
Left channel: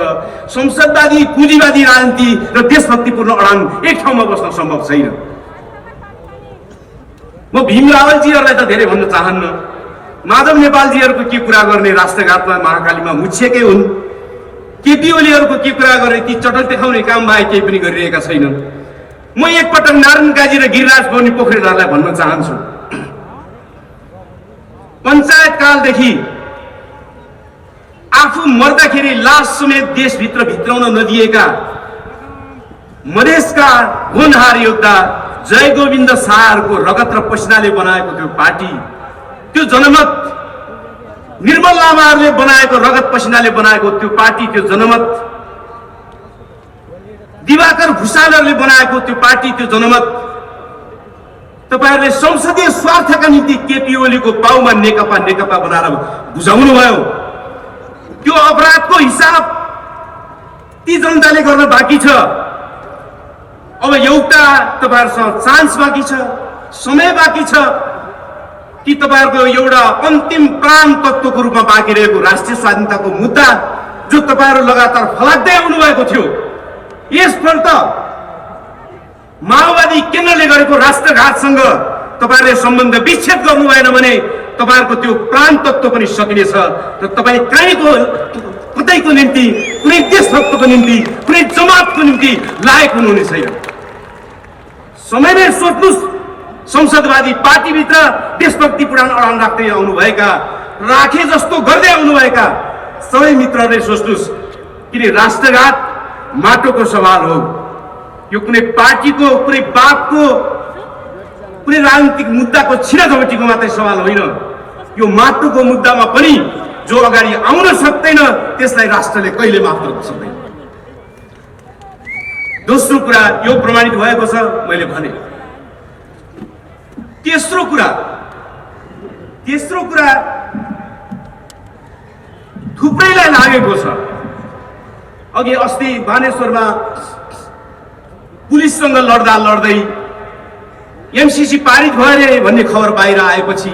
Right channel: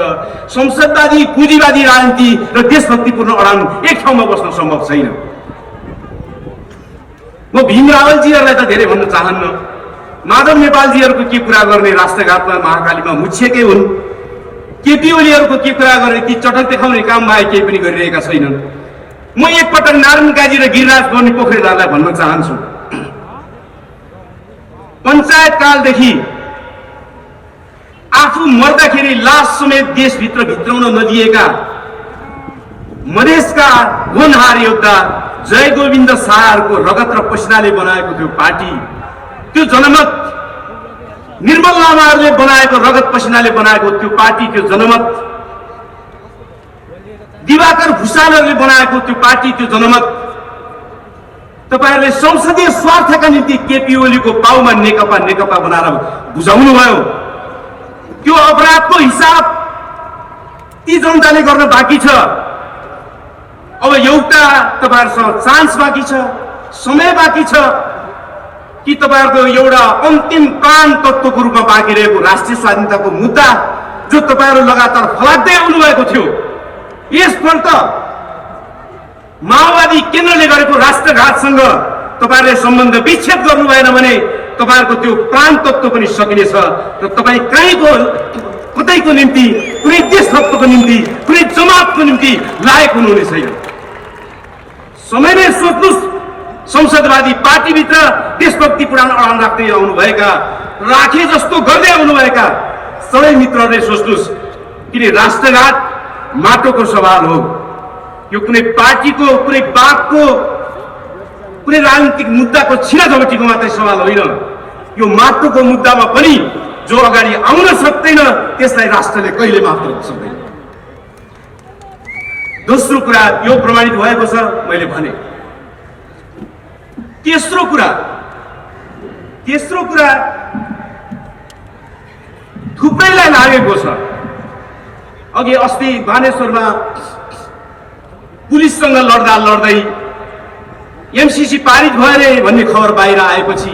संसदवादी पुँजीवादी राजनीति र देशभक्तिपूर्ण अडान एक ठाउँमा बस्न सम्भव छैन। म भीम रावलजीहरूलाई त धेरै भन्न चाहन्न। माधव नेपालजीहरूको के कुरा गर्ने? राष्ट्रघातमा महाकालीमा मुछिएकै हुन्। केपी ओलीहरूको के कुरा गर्ने? ती चटल देखाउने काम बाहेक केही पनि गरिरहेका छैनन्। म एकपटक नारायण काजी र गिरिराज बनी पोखरेललाई भन्न चाहन्छु, पञ्चायत कालदेखि आफू मर्दाखेरि लास समेत देशभित्र भित्राउन नदिएका मधेसका होनहार योद्धा जय गोविन्द शाहको रगत र पसिनाले बनाएको त्यो पार्टी, त्यो जनमत निर्मल लामाहरूले बनाएको रगत पसिनाले बनाएको त्यो पार्टी, त्यो जनमत दिवाकर भुषालहरूले बनाएको त्यो पार्टी, त्यो जनमत तपाईहरुले संसदीय स्वार्थका निम्ति केपी ओलीको पाउमा नेकपा नेकपा बनाएर बुझाउनु भयो। त्यो अपराधको हिसाब ती जनताले गर्न बाँकी छ। अब एउटा तपाईहरुसँग चान्स बाँकी छ, समय बाँकी छ कि तपाईहरुको एउटा अन्तिम प्राण तत्त्वको रूपमा बाँकी रहेको राष्ट्रिय स्वाधीनताको मुद्दा जो तपाईहरु लगातार फलाक्दै आउनु भएको थियो, यसपल्ट माओवादी केन्द्रले गरेको राष्ट्रघातसँग तपाईहरुले सम्बन्ध विच्छेद गर्नु भएन भने तपाईहरुको त्यो प्राण तत्त्व पनि सकिनेछ र तपाई कतैको निम्ति, कुनै देशभक्तको निम्ति, कुनै जमातको निम्ति लायक हुनुहुने छैन। समयमै सोच्नुस्, संसदवादी पार्टीभित्र देशभक्ति पुराण अडान राख्दै आउनुभएका, राखे जस्तो गर्दै आउनुभएका सबै मित्रहरूले सोच्नुस्, किन राष्ट्रघात माटोको सवाल हो, यो कुनै पार्टीको, कुनै बापको, कुनै राजनीतिक मुद्दाको छिराझपटीको मात्रै सवाल होइन। यो माटोको मुद्दामा पनि जो अगाडि आउन सक्दैन त्यसलाई राष्ट्रले कहिले माफ गर्न सक्दैन। दोस्रो कुरा यो प्रमाणित भएको छ, मैले भने। तेस्रो कुरा थुप्रैलाई लागेको छ। अघि अस्ति बानेश्वरमा पुलिससँग लड्दै एमसीसी पारित भयो अरे भन्ने खबर बाहिर आएपछि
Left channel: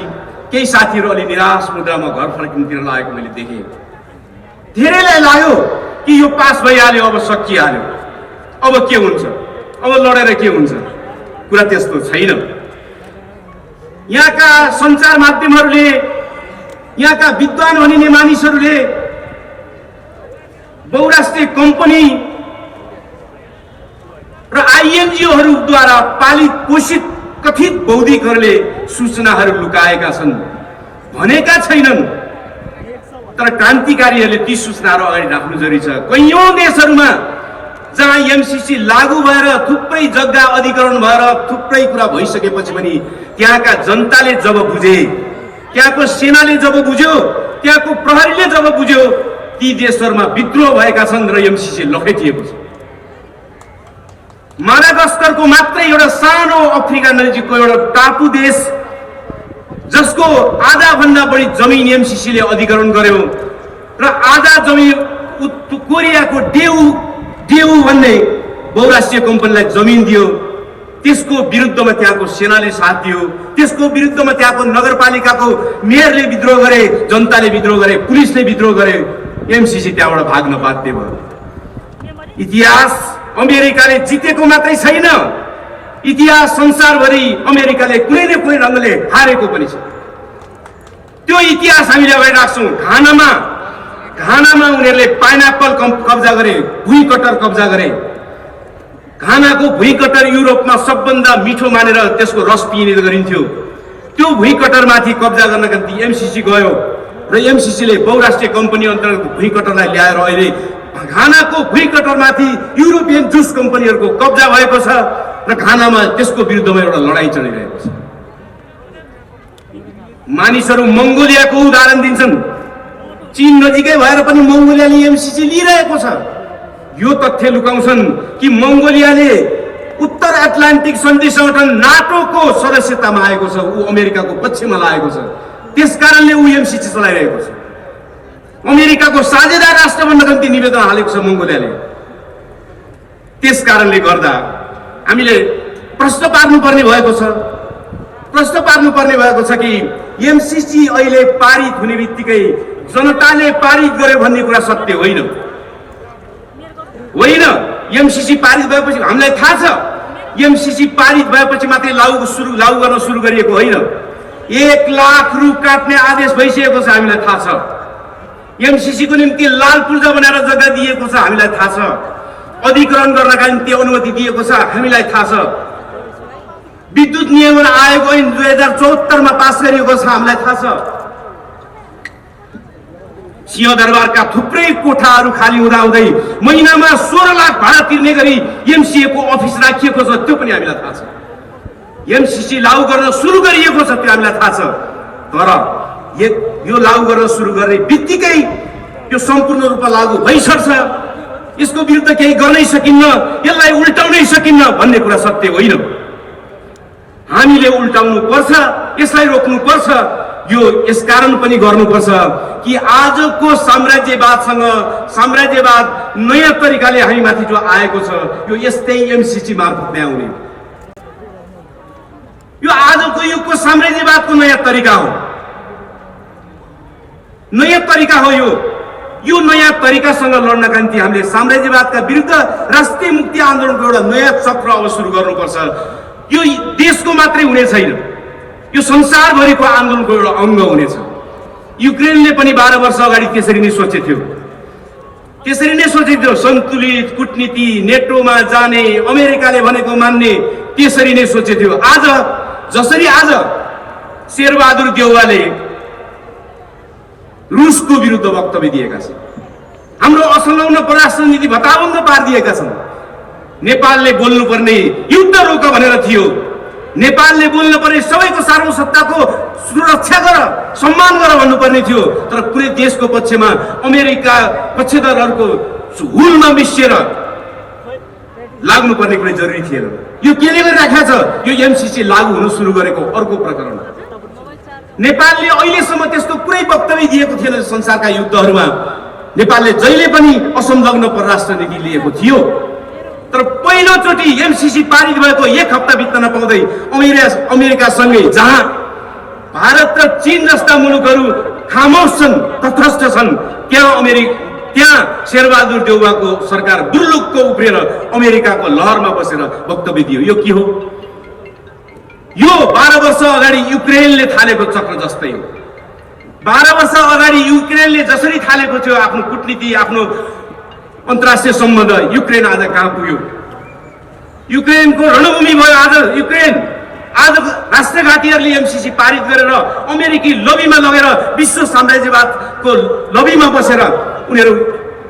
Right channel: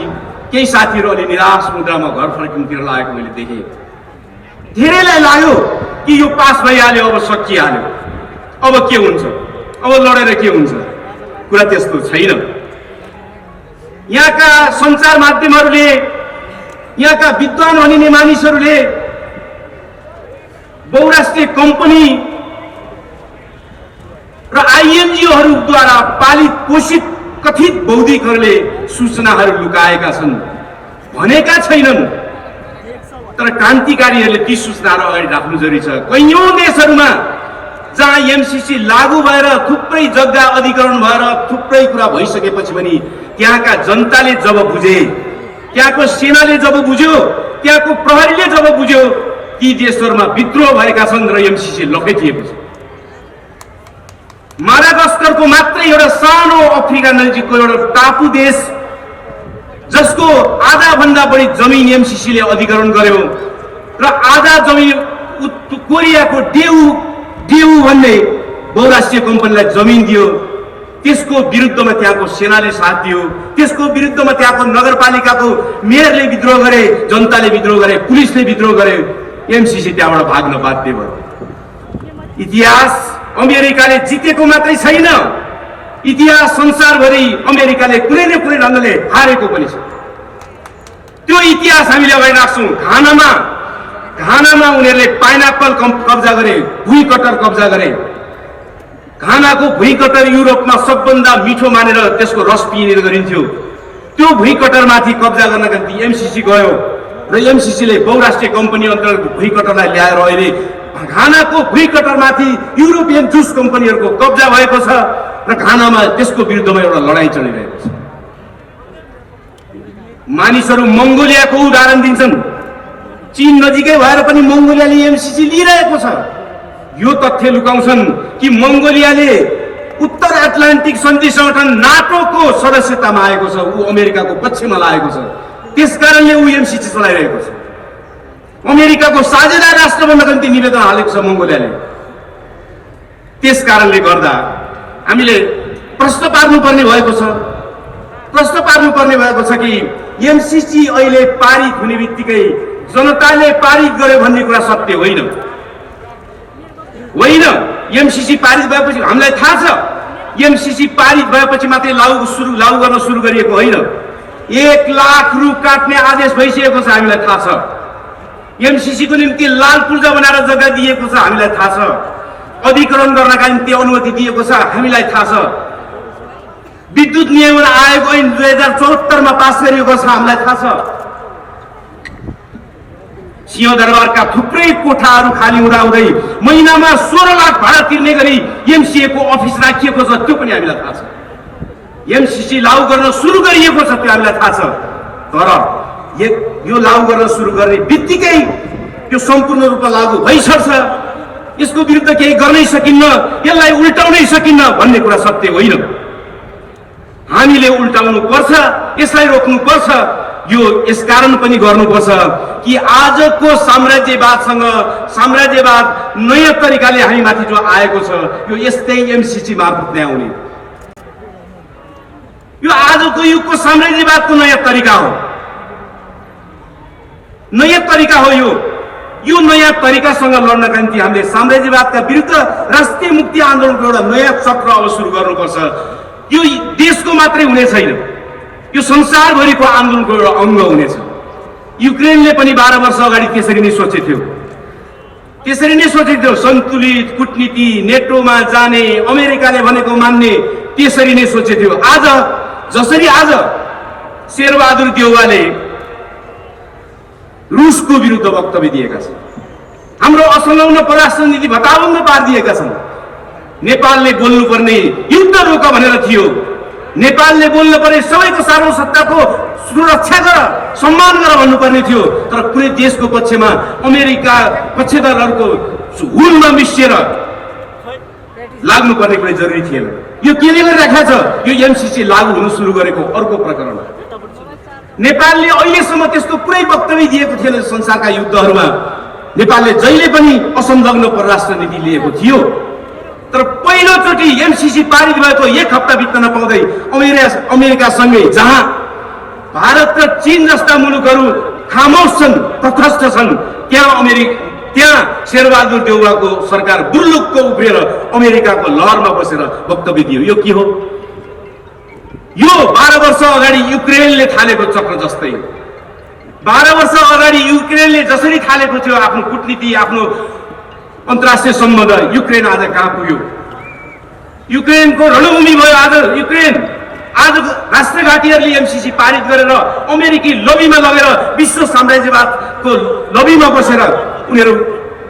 केही साथीहरू अलि निराश मुद्रामा घर फर्किनुतिर लागेको मैले देखेँ। धेरैलाई लाग्यो कि यो पास भइहाल्यो, अब सकिहाल्यो, अब के हुन्छ, अब लडेर के हुन्छ। कुरा त्यस्तो छैन। यहाँका सञ्चार माध्यमहरूले, यहाँका विद्वान भनिने मानिसहरूले बहुराष्ट्रिय कम्पनी र आइएनजिओहरूद्वारा पालित पोषित कथित बौद्धिकहरूले सूचनाहरू लुकाएका छन् भनेका छैनन्, तर क्रान्तिकारीहरूले ती सूचनाहरू अगाडि राख्नु जरुरी छ। कैयौं देशहरूमा जहाँ एमसीसी लागू भएर थुप्रै जग्गा अधिग्रहण भएर थुप्रै कुरा भइसकेपछि पनि त्यहाँका जनताले जब बुझे, त्यहाँको सेनाले जब बुझ्यो, त्यहाँको प्रहरीले जब बुझ्यो, ती देशहरूमा विद्रोह भएका छन् र एमसीसी लखेटिएको छ। माडागास्करको मात्रै एउटा सानो अफ्रिका नजिकको एउटा टापु देश जसको आधा भन्दा बढी जमिन एमसीसीले अधिग्रहण गर्यो र आधा जमिन कोरियाको डेउ भन्ने बहुराष्ट्रिय कम्पनीलाई जमिन दियो। त्यसको विरुद्धमा त्यहाँको सेनाले साथ दियो, त्यसको विरुद्धमा त्यहाँको नगरपालिकाको मेयरले विद्रोह गरे, जनताले विद्रोह गरे, पुलिसले विद्रोह गरे, एमसीसी त्यहाँबाट भाग्न बाध्य भयो। इतिहास अमेरिकाले जितेको मात्रै छैन, इतिहास संसारभरि अमेरिकाले कुनै न कुनै ढङ्गले हारेको पनि छ। त्यो इतिहास हामीले अगाडि राख्छौँ। घानामा उनीहरूले पाइनएप्पल कब्जा गरे, भुइँ कटर कब्जा गरे। घानाको भुइँ कटर युरोपमा सबभन्दा मिठो मानेर त्यसको रस पिइने गरिन्थ्यो। त्यो भुइँ कटरमाथि कब्जा गर्नका निम्ति एमसीसी गयो र एमसीसीले बहुराष्ट्रिय कम्पनी अन्तर्गत भुइँ कटरलाई ल्याएर अहिले घानाको भुइँ कटरमाथि युरोपियन जुस कम्पनीहरूको कब्जा भएको छ र घानामा त्यसको विरुद्धमा एउटा लडाईँ चलिरहेको छ। मानिसहरू मङ्गोलियाको उदाहरण दिन्छन्। चीन नजिकै भएर पनि मङ्गोलियाले एमसीसी लिइरहेको छ। यो तथ्य लुकाउँछन् कि मङ्गोलियाले उत्तर एटलान्टिक सन्धि संगठन नाटोको सदस्यतामा आएको छ, ऊ अमेरिकाको पक्षमा लागेको छ, त्यसकारणले ऊ एमसीसी चलाइरहेको छ। अमेरिकाको साझेदार राष्ट्र बन्नका निम्ति निवेदन हालेको छ मङ्गोलियाले। त्यसकारणले गर्दा हामीले प्रश्न पार्नुपर्ने भएको छ कि एमसीसी अहिले पारित हुने बित्तिकै जनताले पारित गर्यो भन्ने कुरा सत्य होइन। एमसीसी पारित भएपछि हामीलाई थाहा छ, एमसीसी पारित भएपछि मात्रै लागू गर्न सुरु गरिएको होइन। 1 लाख रु काट्ने आदेश भइसकेको छ, हामीलाई थाहा छ। एमसीसी को निम्ति लाल पूर्जा बनाएर जग्गा दिएको छ, हामीलाई थाहा छ। अधिग्रहण गर्नका निम्ति अनुमति दिएको छ हामीलाई थाहा छ। विद्युत नियमन आयोग ऐन 2074 मा पास गरिएको छ हामीलाई थाहा छ। सिंहदरबारका थुप्रै कोठाहरू खाली हुँदाहुँदै महिनामा 16 लाख भाडा तिर्ने गरी एमसीए को अफिस राखिएको छ, त्यो पनि हामीलाई थाहा छ। एमसीसी लागू गर्न सुरु गरिएको छ, त्यो हामीलाई थाहा छ। तर यो लागू गर्न सुरु गर्ने बित्तिकै यो सम्पूर्ण रूपमा लागू भइसक्छ, यसको विरुद्ध केही गर्नै सकिन्न, यसलाई उल्टाउनै सकिन्न भन्ने कुरा सत्य होइन। हामीले उल्टाउनु पर्छ, यसलाई रोक्नु पर्छ। यो यसकारण पनि गर्नुपर्छ कि आजको साम्राज्यवाद नयाँ तरिकाले हामी माथि जो आएको छ यो यस्तै एमसीसी मार्फत नै आउने। यो आजको युगको साम्राज्यवादको नयाँ तरिका हो, नयाँ तरिका हो। यो नयाँ तरिकासँग लड्नका निम्ति हामीले साम्राज्यवादका विरुद्ध राष्ट्रिय मुक्ति आन्दोलनको एउटा नयाँ चक्र अब सुरु गर्नुपर्छ। यो देशको मात्रै हुने छैन, यो संसारभरिको आन्दोलनको एउटा अङ्ग हुनेछ। युक्रेनले पनि 12 वर्ष अगाडि त्यसरी नै सोचेको थियो, सन्तुलित कूटनीति, नेटोमा जाने, अमेरिकाले भनेको मान्ने, त्यसरी नै सोचेको थियो। आज जसरी शेरबहादुर देउवाले रुसको विरुद्ध वक्तव्य दिएका छन्, हाम्रो असंलग्न परराष्ट्र नीति भताभङ्ग पारिदिएका छन्। नेपालले बोल्नुपर्ने युद्ध रोक भनेर थियो, नेपालले बोल्नुपर्ने सबैको सार्वभौमसत्ताको सुरक्षा गर, सम्मान गर भन्नुपर्ने थियो। तर कुनै देशको पक्षमा अमेरिका पक्षधरहरूको हुलमा मिसिएर लाग्नुपर्ने कुनै जरुरी थिएन। यो केले गरिराखेको छ? यो एमसीसी लागू हुन सुरु गरेको अर्को प्रकरण हो। नेपालले अहिलेसम्म त्यस्तो कुनै वक्तव्य दिएको थिएन संसारका युद्धहरूमा। नेपालले जहिले पनि असंलग्न परराष्ट्र नीति लिएको थियो। तर पहिलोचोटि एमसीसी पारित भएको 1 हप्ता बित्न नपाउँदै अमेरिकासँगै, जहाँ भारत र चीन जस्ता मुलुकहरू खामोश छन्, तटस्थ छन्, त्यहाँ शेरबहादुर देउवाको सरकार बुर्लुक्क उफ्रिएर अमेरिकाको लहरमा बसेर वक्तव्य दियो। यो के हो? यो 12 वर्ष अगाडि युक्रेनले थालेको चक्र जस्तै। 12 वर्ष अगाडि युक्रेनले जसरी थालेको थियो आफ्नो कूटनीति, आफ्नो अन्तर्राष्ट्रिय सम्बन्ध, युक्रेन आज कहाँ पुग्यो? युक्रेनको रणभूमि भयो आज युक्रेन। आज राष्ट्रघाटीहरूले एमसीसी पारित गरेर अमेरिकी लबीमा लगेर विश्व साम्राज्यवादको लबीमा बसेर उनीहरू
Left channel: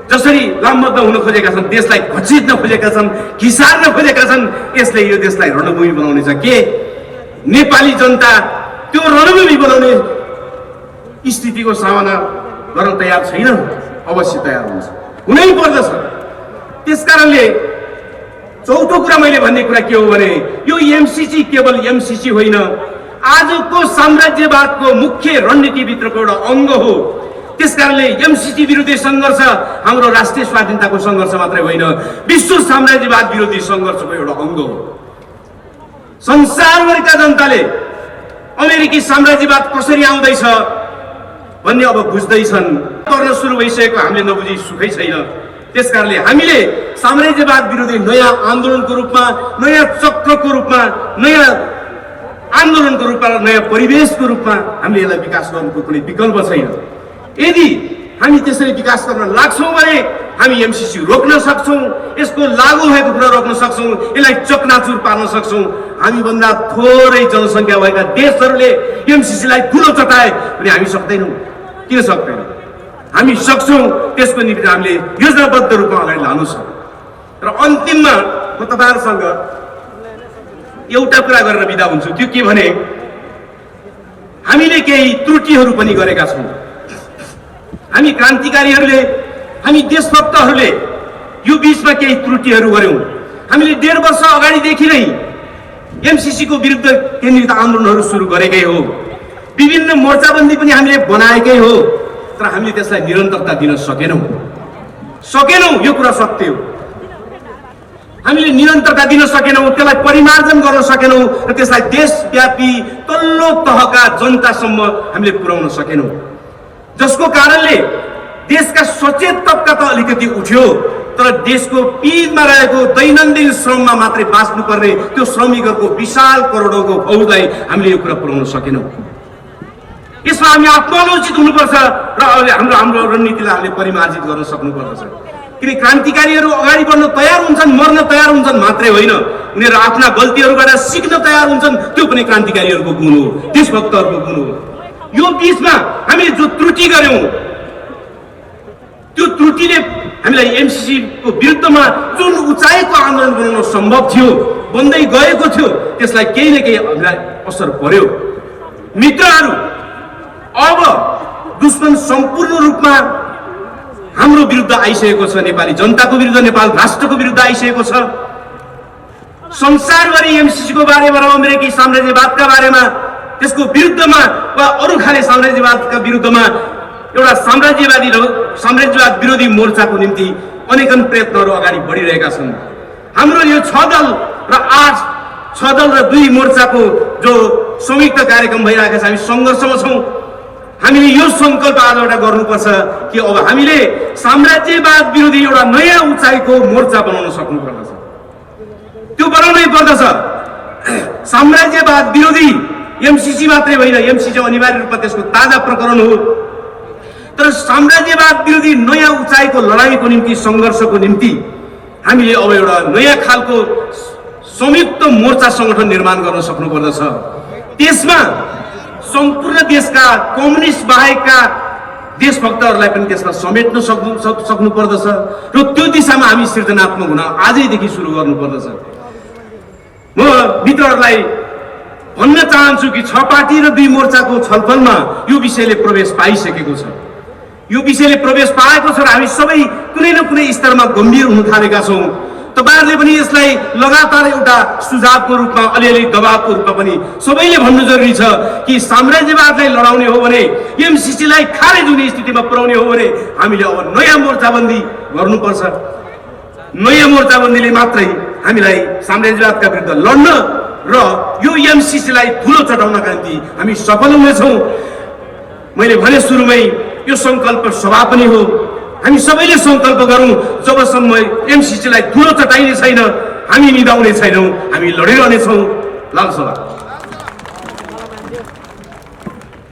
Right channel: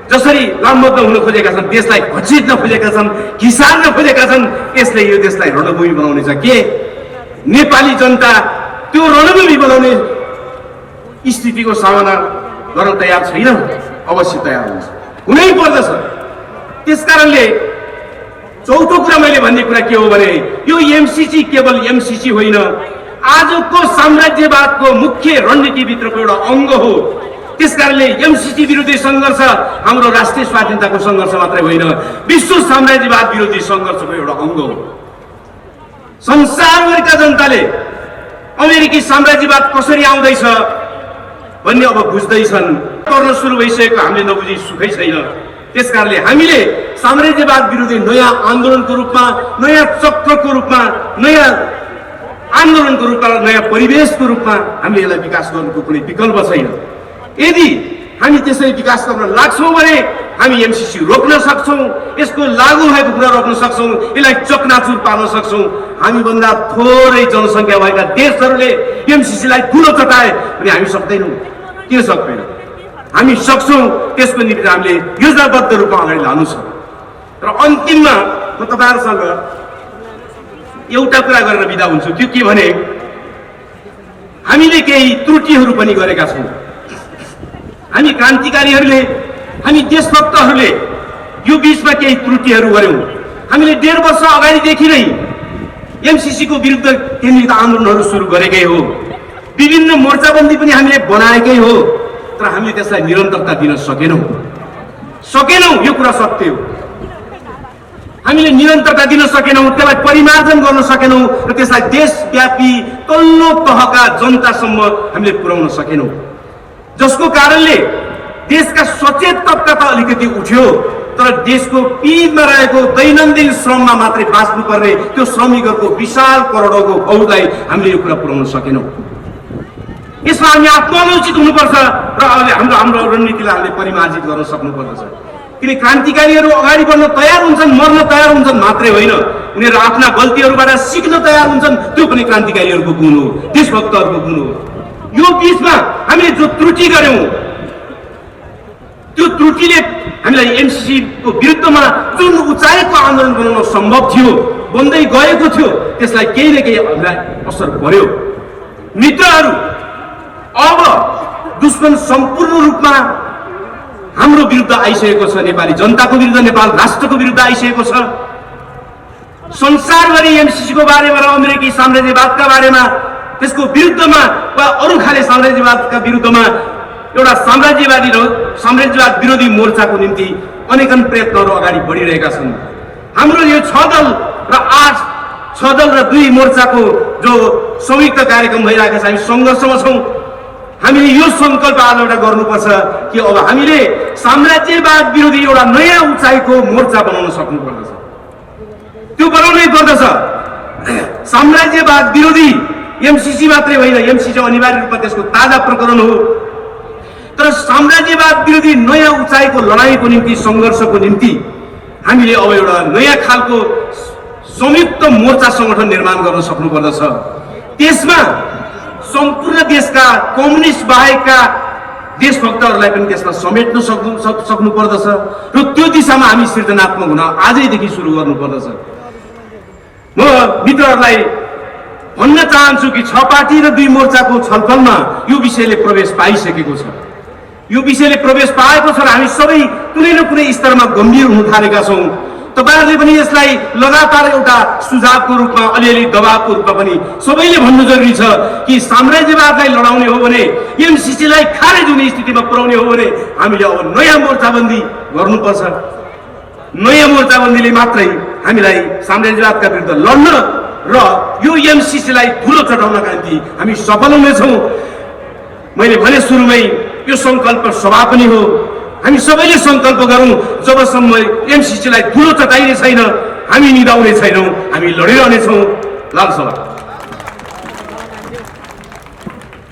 जसरी लामबद्ध हुन खोजेका छन्, देशलाई घचिट्न खोजेका छन्, खिसार्न खोजेका छन्, यसले यो देशलाई रणभूमि बनाउने छ। के नेपाली जनता त्यो रणभूमि बनाउने स्थितिको सामना गर्न तयार छैन? अवश्य तयार हुन्छ, हुनै पर्दछ। त्यसकारणले चौथो कुरा मैले भन्ने कुरा के हो भने यो एमसीसी केवल एमसीसी होइन, आजको साम्राज्यवादको मुख्य रणनीतिभित्रको एउटा अङ्ग हो। त्यसकारणले एमसीसी विरोधी सङ्घर्ष हाम्रो राष्ट्रिय स्वाधीनताको सङ्घर्ष मात्रै होइन, विश्व साम्राज्यवाद विरोधी सङ्घर्षको एउटा अङ्ग हो। संसारभरिका जनताले अमेरिकी साम्राज्यवाद कसरी आउँदैछ भन्ने अब बुझ्दैछन्। गर्न सुरु भइसकेको हामीले नबुझी सुखै छैन। त्यसकारणले हामीले साम्राज्यवाद विरोधी नयाँ आन्दोलनको रूपमा, नयाँ चक्रको रूपमा, नयाँ आन्दोलनको रूपमा, नयाँ परिवेशको रूपमा हामीले यसलाई विकास गर्नुको कुनै विकल्प छैन। यदि हामी त्यसरी विकास गर्न लाग्छौँ भने हामी एमसीसी रोक्न सक्छौँ, यसको लागू भएको कुरा रोक्न सक्छौँ, यसलाई चकनाचुर पार्न सक्छौँ। हामीभन्दा थोरै जनसङ्ख्या भएका देशहरूले एमसीसीलाई ठुलो चटाए भने हामी सक्दैनौँ। किन सक्दैनौँ? हामी सक्छौँ। त्यसको निम्ति हामीले योजनाबद्ध रूपमा अगाडि लानु छ। र अन्तिममा म तपाईँहरूसँग एउटा कुरा गरेर बिदा हुन्छु। त्यो के भने हामीले केही त्रुटिहरू पनि गरेका छौँ। हामी क्रान्तिकारीहरूले, हामी देशभक्तहरूले यो बीचमा केही त्रुटिहरू गर्यौँ। हामीले 1.5 वर्ष अगाडिदेखि नै एमसीसी को विरुद्ध केन्द्रित आन्दोलनहरू सुरु गरेकै हो। विभिन्न मोर्चाबन्दी पनि हामीले बनाएकै हो। तर हामीले त्यसलाई निरन्तरता दिन सकेनौँ। यो कुरा सत्य हो। हामीले निरन्तरता दिन सकेनौँ, त्यसलाई परिमार्जन गर्न सकेनौँ र त्यसलाई देशव्यापी तल्लो तहका जनतासम्म हामीले पुर्याउन सकेनौँ, जसको कारणले देशका सचेत तबका त अलिकति उठ्यो, तर देशको पीडमा रहेको दैनन्दिन श्रममा मात्रै बाँच्नुपर्ने त्यो श्रमिकहरूको विशाल करोडौँको फौजलाई हामीले यो कुरा पुर्याउन सकेनौँ। यसमा हामी आत्मालोचित हुनुपर्छ र अहिले हाम्रो रणनीतिलाई हामीले परिमार्जित गर्न सक्नुपर्दछ। किन क्रान्तिकारीहरू अगाडि बढ्न तयार हुन्छन्, मर्न तयार हुन्छन् मात्रै होइन, उनीहरू आफ्ना गल्तीहरूबाट सिक्न तयार हुन्छन्। त्यो पनि क्रान्तिकारीहरूको गुण हो, देशभक्तहरूको गुण हो। यो बीचमा हामीले जो त्रुटि गर्यौं, त्यो त्रुटिले हामीलाई एमसीसी को विरुद्धमा जुन उचाइको आन्दोलन बनाउन सम्भव थियो, बन्दै गएको थियो, त्यसलाई केही न केही हामीलाई असर पर्यो। मित्रहरू, अब दुश्मन सम्पूर्ण रूपमा हाम्रो विरुद्ध आइसकेको छ। नेपाली जनताको विरुद्ध, नेपाल राष्ट्रको विरुद्ध आइसकेको छ। संसारभरि एमसीसी को बारेमा र अमेरिकी साम्राज्यवादका बारेमा, त्यसको विरुद्धमा वा अरू खाले साम्राज्यवादका विरुद्धमा एउटा साम्राज्यवाद विरोधी मोर्चाको निम्ति अनेकन प्रयत्नहरू अगाडि बढिरहेका छन्। हाम्रो यो 6 दल र 6 दल र 2 मोर्चाको जो संयुक्त कार्यक्रम भइरहेको छ, हामी सङ्घर्षमा छौँ। हामीले यो सङ्कल्प आज एउटा गर्नुपर्छ कि अब हामीले साम्राज्यवाद विरोधी एउटा नयाँ उचाइको मोर्चा बनाउन सक्नुपर्दछ। त्यो बनाउनै पर्दछ। साम्राज्यवाद विरोधी एमसीसी मात्रै होइन, एमसीसी अनिवार्य रूपमा त्यसको ताजा प्रकरण हो, तर साम्राज्यवाद विरोधी नयाँ उचाइको लडाईँको निम्ति, सङ्घर्षको निम्ति हामीले अब एउटा नयाँ खालको संयुक्त मोर्चा सङ्गठन निर्माण गर्न सक्नुपर्दछ। त्यसमा सम्पूर्ण देशका कम्युनिस्ट बाहेकका देशभक्तहरूलाई पनि त्यसमा समेट्न सक्नुपर्दछ र त्यो दिशामा हामी सृजनात्मक हुन आजैदेखि सुरु गर्नुपर्दछ। म मित्रहरूलाई भन्न चाहन्छु कि 6 पार्टी र 2 मोर्चाको छलफलमा यो विषयले प्रवेश पाइसकेको छ। यो विषयले प्रवेश पाएको छ र हामी सबै कुनै न कुनै स्तरमा गम्भीर हुन थालेका छौँ। तपाईहरुले पनि यसलाई लगातार एउटा सुझावको रूपमा, अलिअलि दबावको रूपमा पनि सबैले भन्नु जरुरी छ कि साम्राज्यवादलाई लडाउने हो भने, एमसीसीलाई खारेज हुने स्थितिमा पुर्याउने हो भने हामीले अब नयाँ मोर्चाबन्दी गर्नुपर्छ। नयाँ मोर्चाबन्दीले मात्रै हामीलाई साम्राज्यवादका विरुद्ध लड्न र यो एमसीसीलाई ठुलो चढाउनका निम्ति हामी सफल हुनेछौँ। मैले भने सुरुमै यो सङ्कल्प सभा पनि हो। हामी सबैले सङ्कल्प गरौँ, जबसम्म एमसीसीलाई ठुलो चटाइने छैन, हामी निदाउने छैनौँ, हामी लडिरहनेछौँ। लाल सभा।